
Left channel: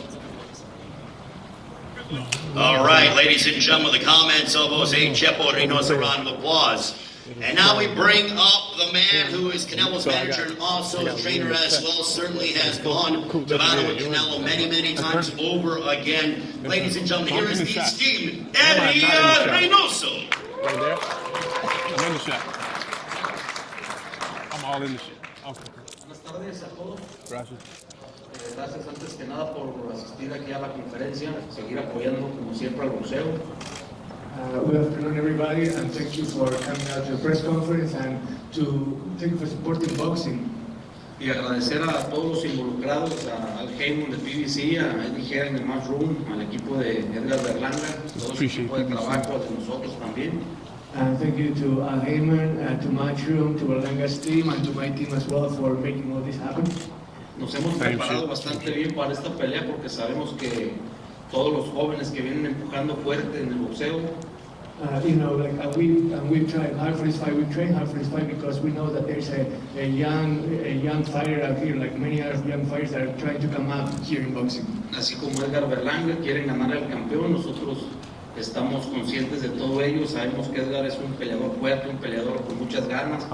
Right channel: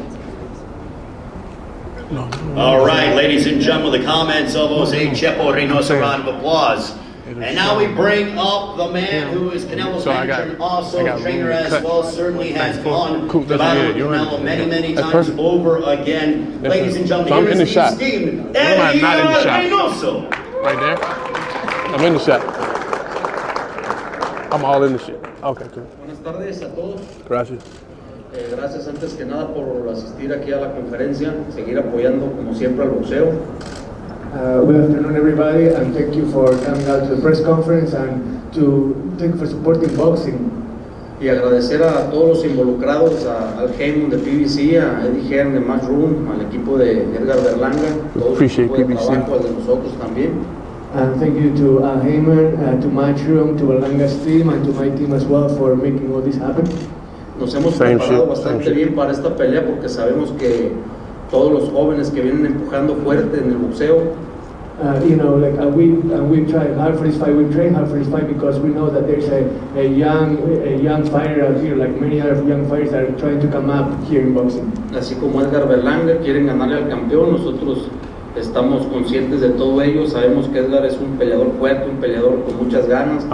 All right, ladies and gentlemen, the comments of Jose Chepo Reynoso, a round of applause. And now we bring up the man who is Canelo's manager and also trainer as well, certainly has gone to battle with Canelo many times over again. Ladies and gentlemen, here is the esteemed Edgar Reynoso. Right there. I'm in the shot. I'm all in the shit. Okay, cool. Buenas tardes a todos. Gracias. Gracias antes que nada por asistir aquí a la conferencia, seguir apoyando como siempre al boxeo. Good afternoon, everybody, and thank you for coming out to the press conference and thank you for supporting boxing. Y agradecer a todos los involucrados, al Heyman de PBC, a Eddie Hearn de Matchroom, al equipo de Edgar Berlanga, todo su equipo de trabajo, al de nosotros también. And thank you to Heyman, to Matchroom, to Berlanga's team, and to my team as well for making all this happen. Nos hemos preparado bastante bien para esta pelea porque sabemos que todos los jóvenes que vienen empujando fuerte en el boxeo. We've tried hard for this fight. We've trained hard for this fight because we know that there's a young fighter out here, like many other young fighters that are trying to come up here in boxing. Así como Edgar Berlanga quieren ganarle al campeón, nosotros estamos conscientes de todo ello. Sabemos que Edgar es un peleador fuerte, un peleador con muchas ganas.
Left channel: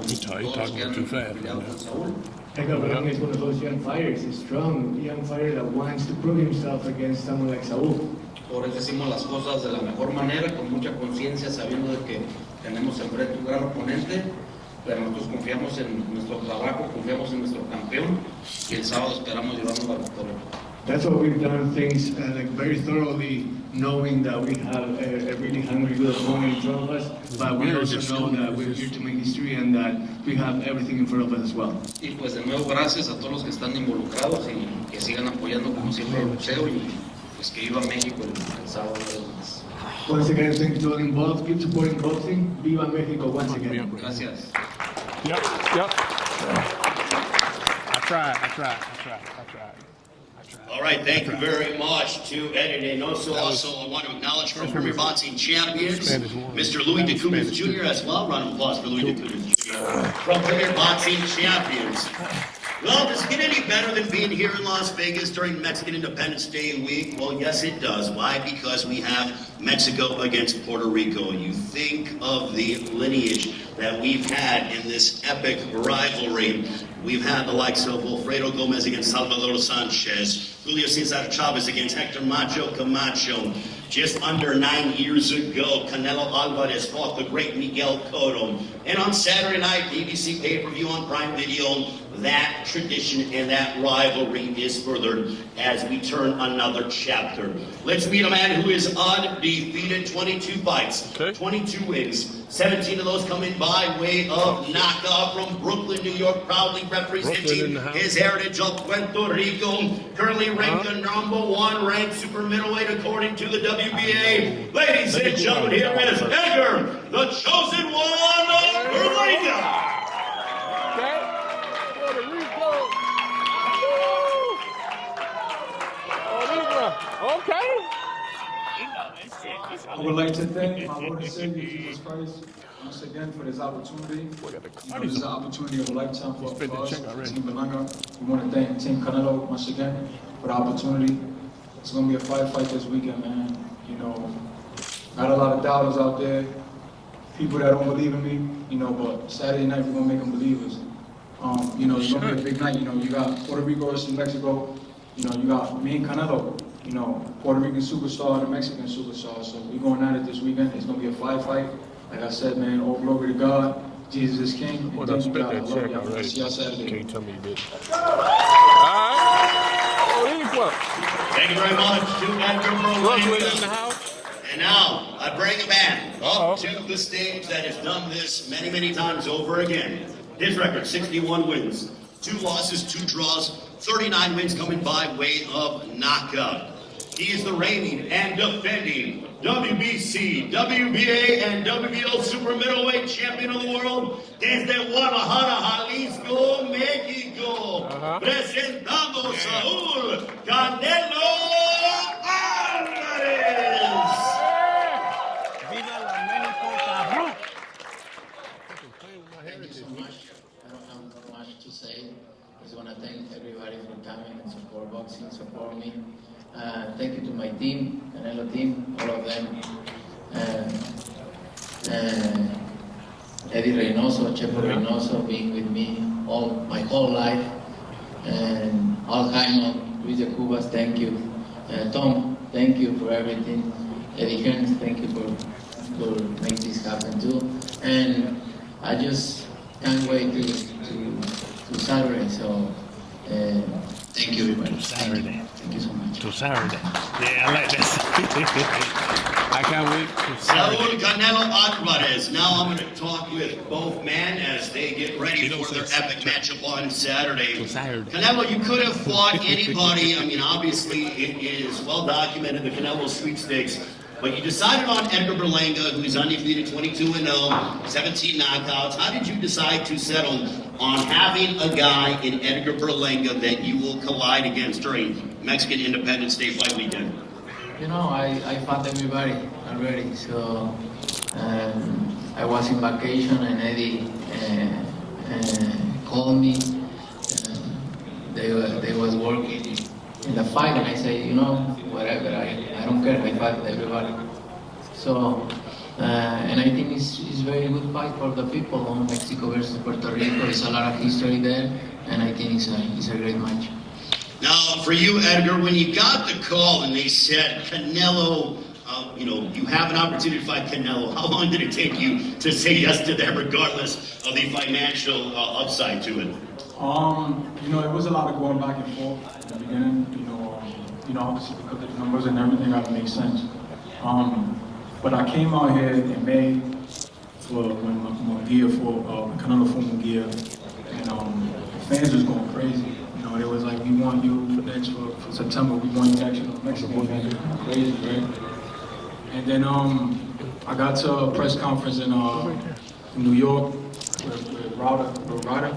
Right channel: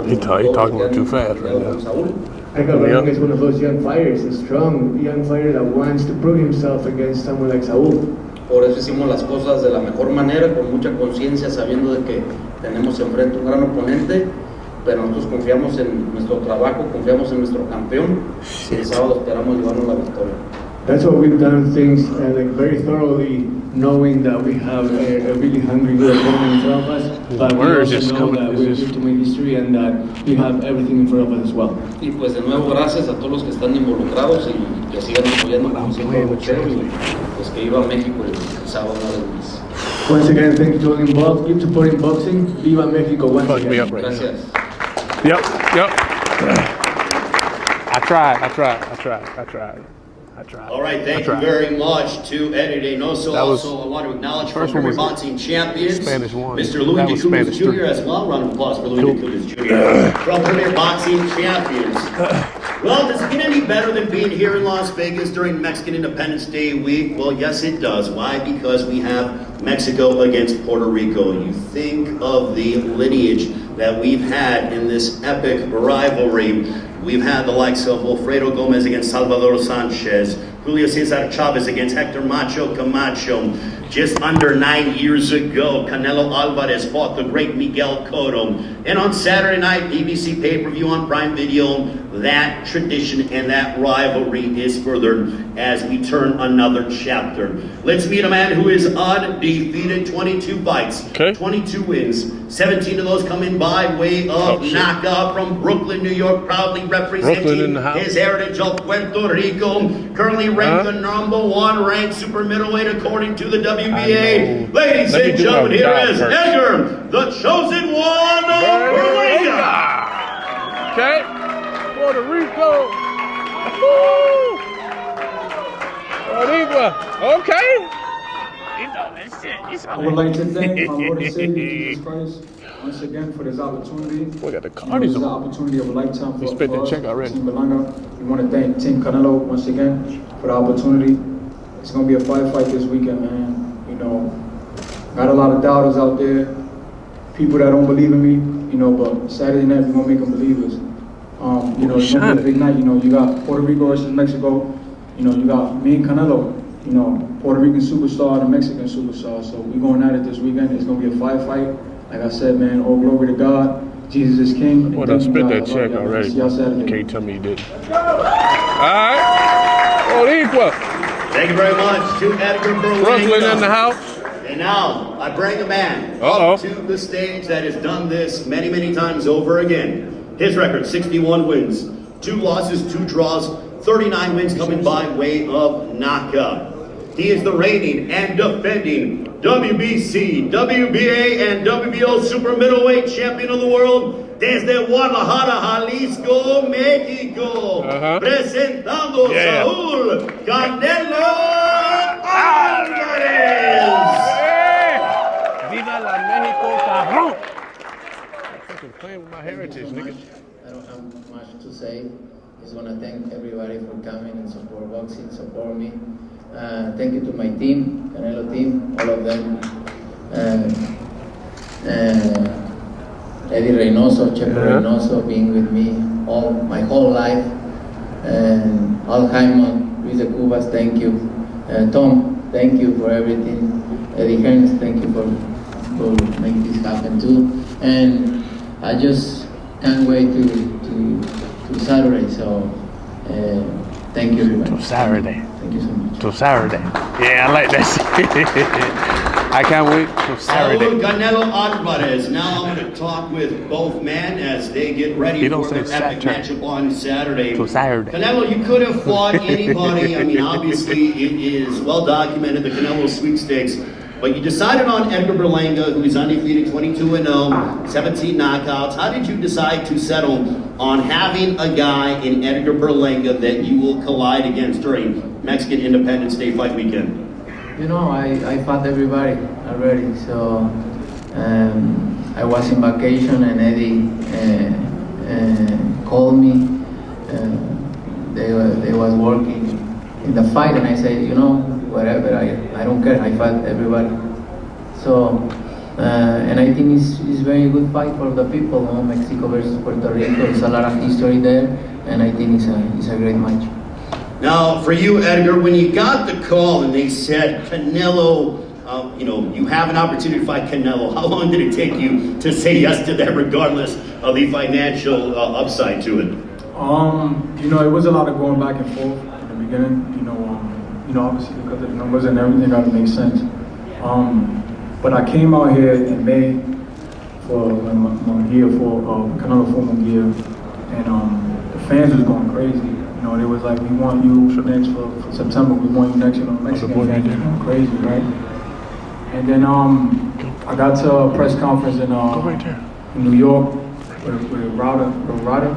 Edgar Berlanga is one of those young fighters, a strong young fighter that wants to prove himself against someone like Saúl. Por eso hicimos las cosas de la mejor manera, con mucha conciencia, sabiendo de que tenemos enfrente un gran oponente, pero nosotros confiamos en nuestro trabajo, confiamos en nuestro campeón, y el sábado esperamos llevarnos la victoria. That's what we've done things very thoroughly, knowing that we have a really hungry good opponent in front of us, but we also know that we're here to make history and that we have everything in front of us as well. Y pues de nuevo gracias a todos los que están involucrados y que sigan apoyando como siempre el boxeo y pues que viva México el sábado una vez más. Once again, thank you to all involved. Keep supporting boxing. Viva Mexico once again. Gracias. Yep. I tried. All right, thank you very much to Eddie Reynoso. Also, I want to acknowledge from former boxing champions, Mr. Louis de Cruz Jr. as well. Round of applause for Louis de Cruz Jr. from premier boxing champions. Well, does it get any better than being here in Las Vegas during Mexican Independence Day week? Well, yes, it does. Why? Because we have Mexico against Puerto Rico. You think of the lineage that we've had in this epic rivalry. We've had the likes of Wilfredo Gomez against Salvador Sanchez, Julio Cesar Chavez against Hector Macho Camacho. Just under 9 years ago, Canelo Alvarez fought the great Miguel Cotto. And on Saturday night, BBC pay-per-view on Prime Video, that tradition and that rivalry is furthered as we turn another chapter. Let's meet a man who is undefeated, 22 fights, 22 wins, 17 of those coming by way of knockout from Brooklyn, New York, proudly representing his heritage of Puerto Rico, currently ranked the #1 ranked super middleweight according to the WBA. Ladies and gentlemen, here is Edgar, the chosen one of Berlanga. Okay. Puerto Rico. Woo. Boricua. Okay. I would like to thank my Lord and Savior Jesus Christ once again for this opportunity. We got the This is an opportunity of a lifetime for us, check already. Team Berlanga. We want to thank Team Canelo once again for the opportunity. It's going to be a fight this weekend, man. You know, got a lot of doubters out there, people that don't believe in me, you know, but Saturday night we're going to make them believers. You know, it's going to be a big night. You know, you got Puerto Rico versus Mexico. You know, you got me and Canelo. You know, Puerto Rican superstar and a Mexican superstar. So we're going at it this weekend. It's going to be a fight. Like I said, man, all glory to God. Jesus is King. Well, I spent that check already. Can't tell me you did. All right. Boricua. Thank you very much to Edgar Berlanga. Brooklyn in the house. And now I bring a man up to the stage that has done this many, many times over again. His record, 61 wins, 2 losses, 2 draws, 39 wins coming by way of knockout. He is the reigning and defending WBC, WBA, and WBO super middleweight champion of the world desde Guadalajara, Jalisco, Mexico. Presentando Saúl Canelo Alvarez. Viva la Mexico, cabrón. Fucking playing with my heritage, nigga. I don't have much to say. Just want to thank everybody for coming and support boxing, support me. Thank you to my team, Canelo team, all of them. Eddie Reynoso, Checo Reynoso, being with me my whole life. And Al Jaime, Luis de Cubas, thank you. Tom, thank you for everything. Eddie Hearns, thank you for making this happen too. And I just can't wait to Saturday. So thank you, everybody. Saturday. Thank you so much. Till Saturday. Yeah, I like that. I can't wait till Saturday. Saúl Canelo Alvarez. Now I'm going to talk with both men as they get ready for their epic matchup on Saturday. Till Saturday. Canelo, you could have fought anybody. I mean, obviously, it is well documented, the Canelo sweepstakes. But you decided on Edgar Berlanga, who is undefeated, 22-0, 17 knockouts. How did you decide to settle on having a guy in Edgar Berlanga that you will collide against during Mexican Independence Day fight weekend? You know, I fought everybody already, so I was in vacation and Eddie called me. They was working in the fight and I said, you know, whatever, I don't care, I fight everybody. So, and I think it's very good fight for the people, Mexico versus Puerto Rico, there's a lot of history there, and I think it's a great match. Now, for you, Edgar, when you got the call and they said, Canelo, you know, you have an opportunity to fight Canelo, how long did it take you to say yes to that regardless of the financial upside to it? You know, it was a lot of going back and forth at the beginning, you know, obviously because of the numbers and everything got to make sense. But I came out here in May for my gear for Canelo formal gear, and the fans was going crazy. You know, it was like, we want you for September, we want you next, you know, Mexican fans was going crazy, right? And then I got to a press conference in New York with Ryder,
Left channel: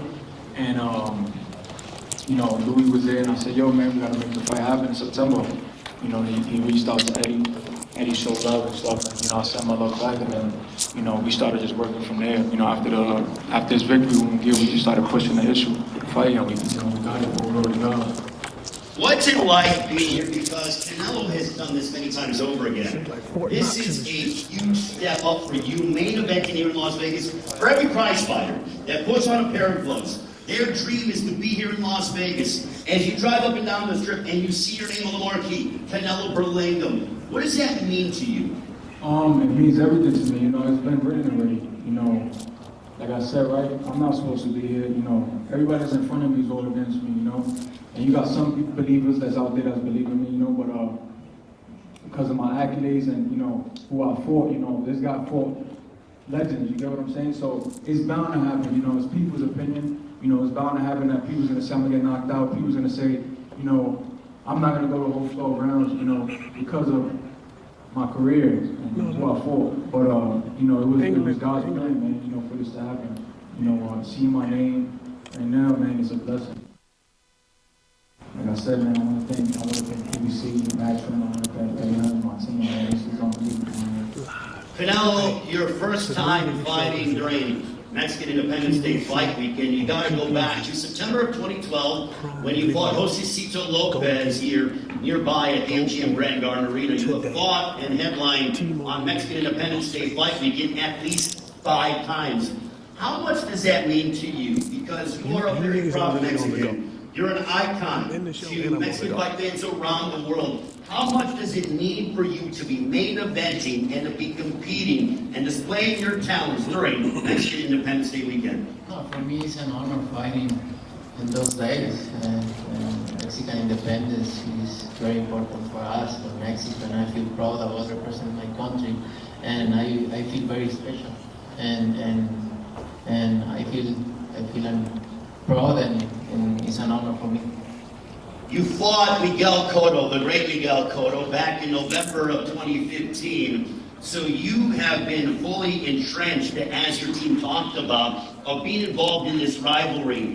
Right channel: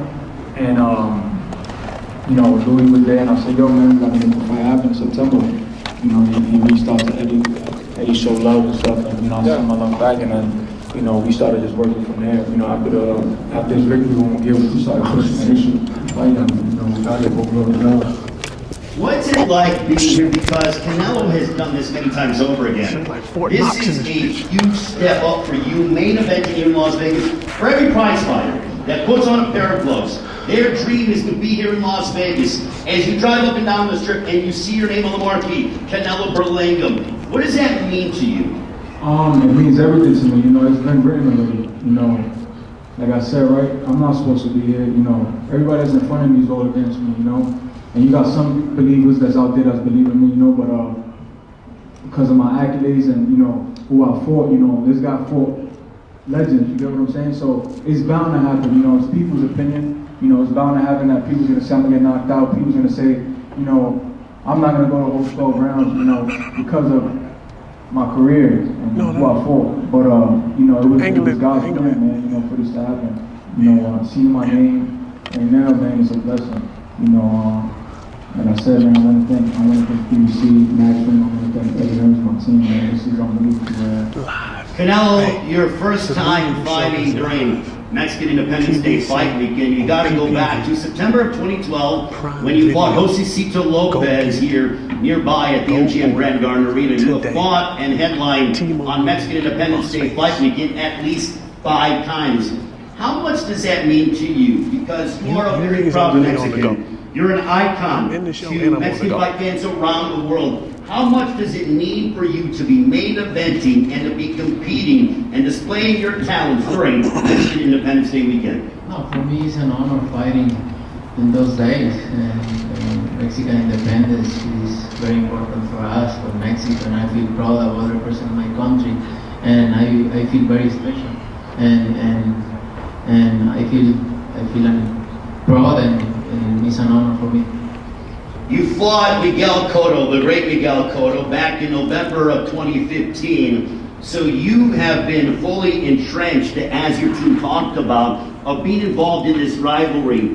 and you know, Louis was there, and I said, yo, man, we got to make the fight happen in September. You know, he reached out to Eddie. Eddie showed love and stuff, and, you know, I sent my love back, and then, you know, we started just working from there. You know, after this victory, when we just started pushing the issue, fighting, I mean, you know, we got it, over to God. What's it like being here? Because Canelo has done this many times over again. This is a huge step up for you, main eventing here in Las Vegas. For every prize fighter that puts on a pair of gloves, their dream is to be here in Las Vegas. As you drive up and down the strip and you see your name on the marquee, Canelo Berlanga, what does that mean to you? It means everything to me. You know, it's been written already. You know, like I said, right, I'm not supposed to be here, you know. Everybody that's in front of me is all against me, you know. And you got some believers that's out there that's believing me, you know, but because of my accolades and, you know, who I fought, you know, this guy fought legends, you get what I'm saying? So it's bound to happen, you know, it's people's opinion, you know, it's bound to happen that people's gonna say I'm gonna get knocked out, people's gonna say, you know, I'm not gonna go the whole 12 rounds, you know, because of my career and who I fought. But, you know, it was God's plan, man, you know, for this to happen. You know, seeing my name right now, man, is a blessing. You know, like I said, man, I want to thank BBC, Maxwell, I want to thank Eddie Hearns, my team, man. This is unbelievable. Canelo, your first time fighting during Mexican Independence Day fight weekend, you got to go back to September of 2012 when you fought Josecito Lopez here nearby at the MGM Grand Garden Arena. You have fought and headlined on Mexican Independence Day fight weekend at least 5 times. How much does that mean to you? Because you are a very proud Mexican. You're an icon to Mexican fight fans around the world. How much does it mean for you to be main eventing and to be competing and displaying your talents during Mexican Independence Day weekend? No, for me it's an honor fighting in those days. Mexican independence is very important for us, for Mexico, and I feel proud of other person in my country, and I feel very special, and I feel I'm proud, and it's an honor for me. You fought Miguel Cotto, the great Miguel Cotto, back in November of 2015. So you have been fully entrenched, as your team talked about, of being involved in this rivalry.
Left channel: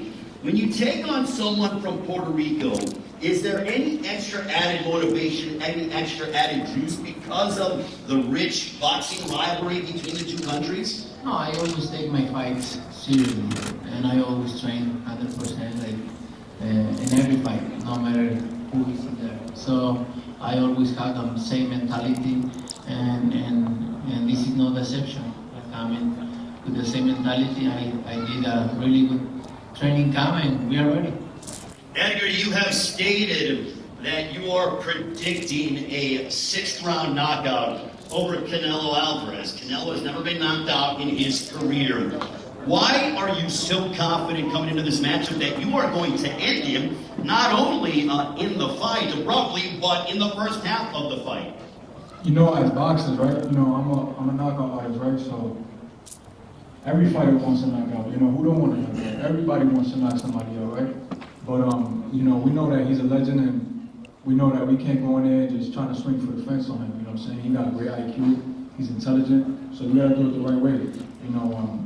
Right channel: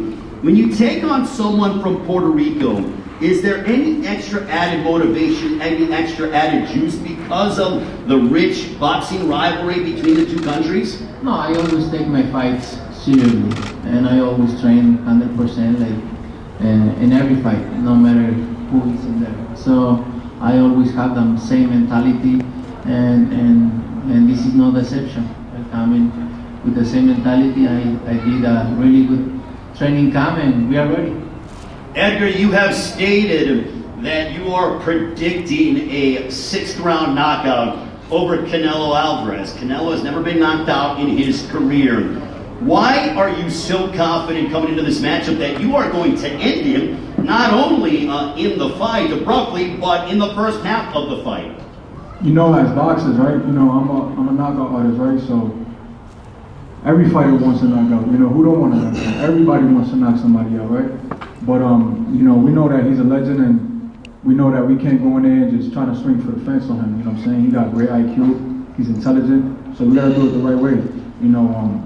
When you take on someone from Puerto Rico, is there any extra added motivation, any extra added juice because of the rich boxing rivalry between the two countries? No, I always take my fights seriously, and I always train 100%, like in every fight, no matter who is in there. So I always have the same mentality, and this is no deception. I come in with the same mentality. I did a really good training camp, and we are ready. Edgar, you have stated that you are predicting a 6th round knockout over Canelo Alvarez. Canelo has never been knocked out in his career. Why are you so confident coming into this matchup that you are going to end him, not only in the fight abruptly, but in the first half of the fight? You know, as boxers, right, you know, I'm a knockout artist, right, so every fighter wants to knock out. You know, who don't want to knock out? Everybody wants to knock somebody out, right? But, you know, we know that he's a legend, and we know that we can't go in there and just try to swing for the fence on him, you know what I'm saying? He got great IQ, he's intelligent, so we got to do it the right way. You know,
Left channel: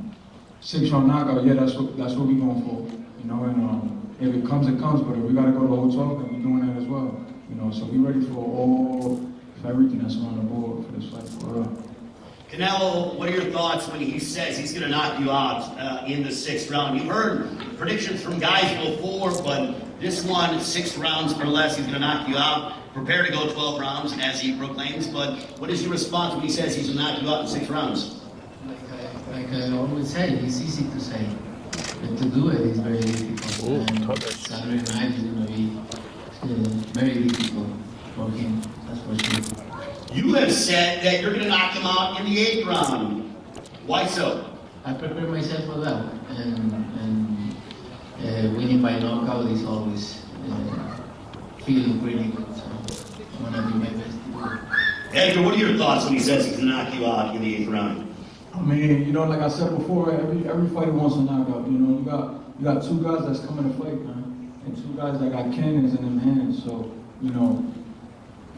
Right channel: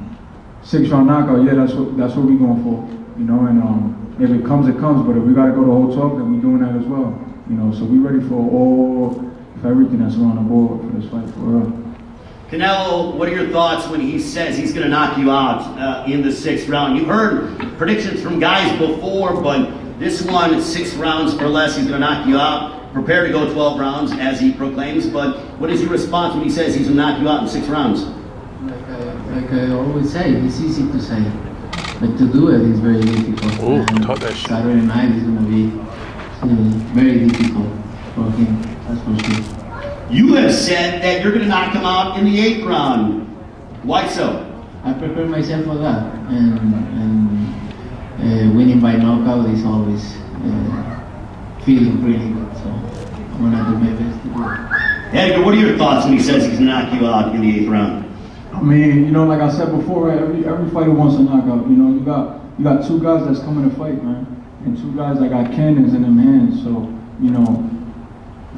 6-round knockout, yeah, that's what we're going for, you know, and if it comes, it comes, but if we got to go the whole talk, then we're doing that as well, you know, so we're ready for everything that's on the board for this fight, for real. Canelo, what are your thoughts when he says he's going to knock you out in the 6th round? You've heard predictions from guys before, but this one, 6 rounds or less, he's going to knock you out. Prepare to go 12 rounds, as he proclaims, but what is your response when he says he's going to knock you out in 6 rounds? Like I always say, it's easy to say, but to do it is very difficult. Saturday night is going to be very difficult for him, that's for sure. You have said that you're going to knock him out in the 8th round. Why so? I prepare myself for that, and winning by knockout is always feeling really good, so I'm going to do my best to do it. Edgar, what are your thoughts when he says he's going to knock you out in the 8th round? I mean, you know, like I said before, right, every fighter wants a knockout. You know, you got 2 guys that's coming to fight, man, and 2 guys that got cannons in them hands. So, you know,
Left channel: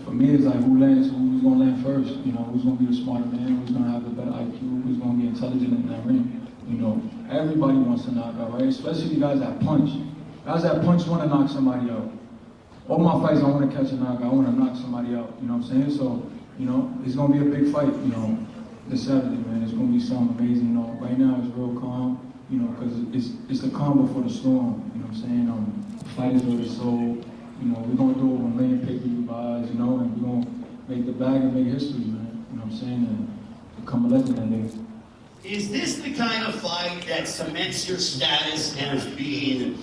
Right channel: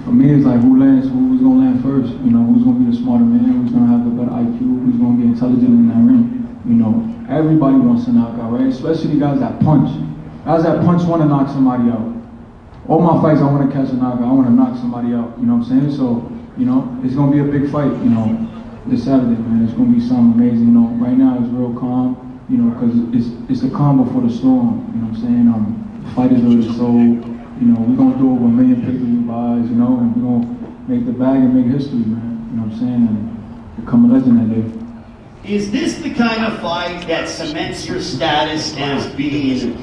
for me, it's like who's gonna land first? You know, who's gonna be the smarter man? Who's gonna have the better IQ? Who's gonna be intelligent in that ring? You know, everybody wants to knock out, right? Especially the guys that punch. Guys that punch want to knock somebody out. All my fights, I want to catch a knockout. I want to knock somebody out. You know what I'm saying? So, you know, it's gonna be a big fight. You know, this Saturday, man. It's gonna be something amazing. You know, right now it's real calm. You know, because it's the calm before the storm. You know what I'm saying? The fight is already sold. You know, we're gonna do over 1 million pay-per-view buys, you know, and we're gonna make the bag and make history, man. You know what I'm saying? And become a legend that day. Is this the kind of fight that cements your status as being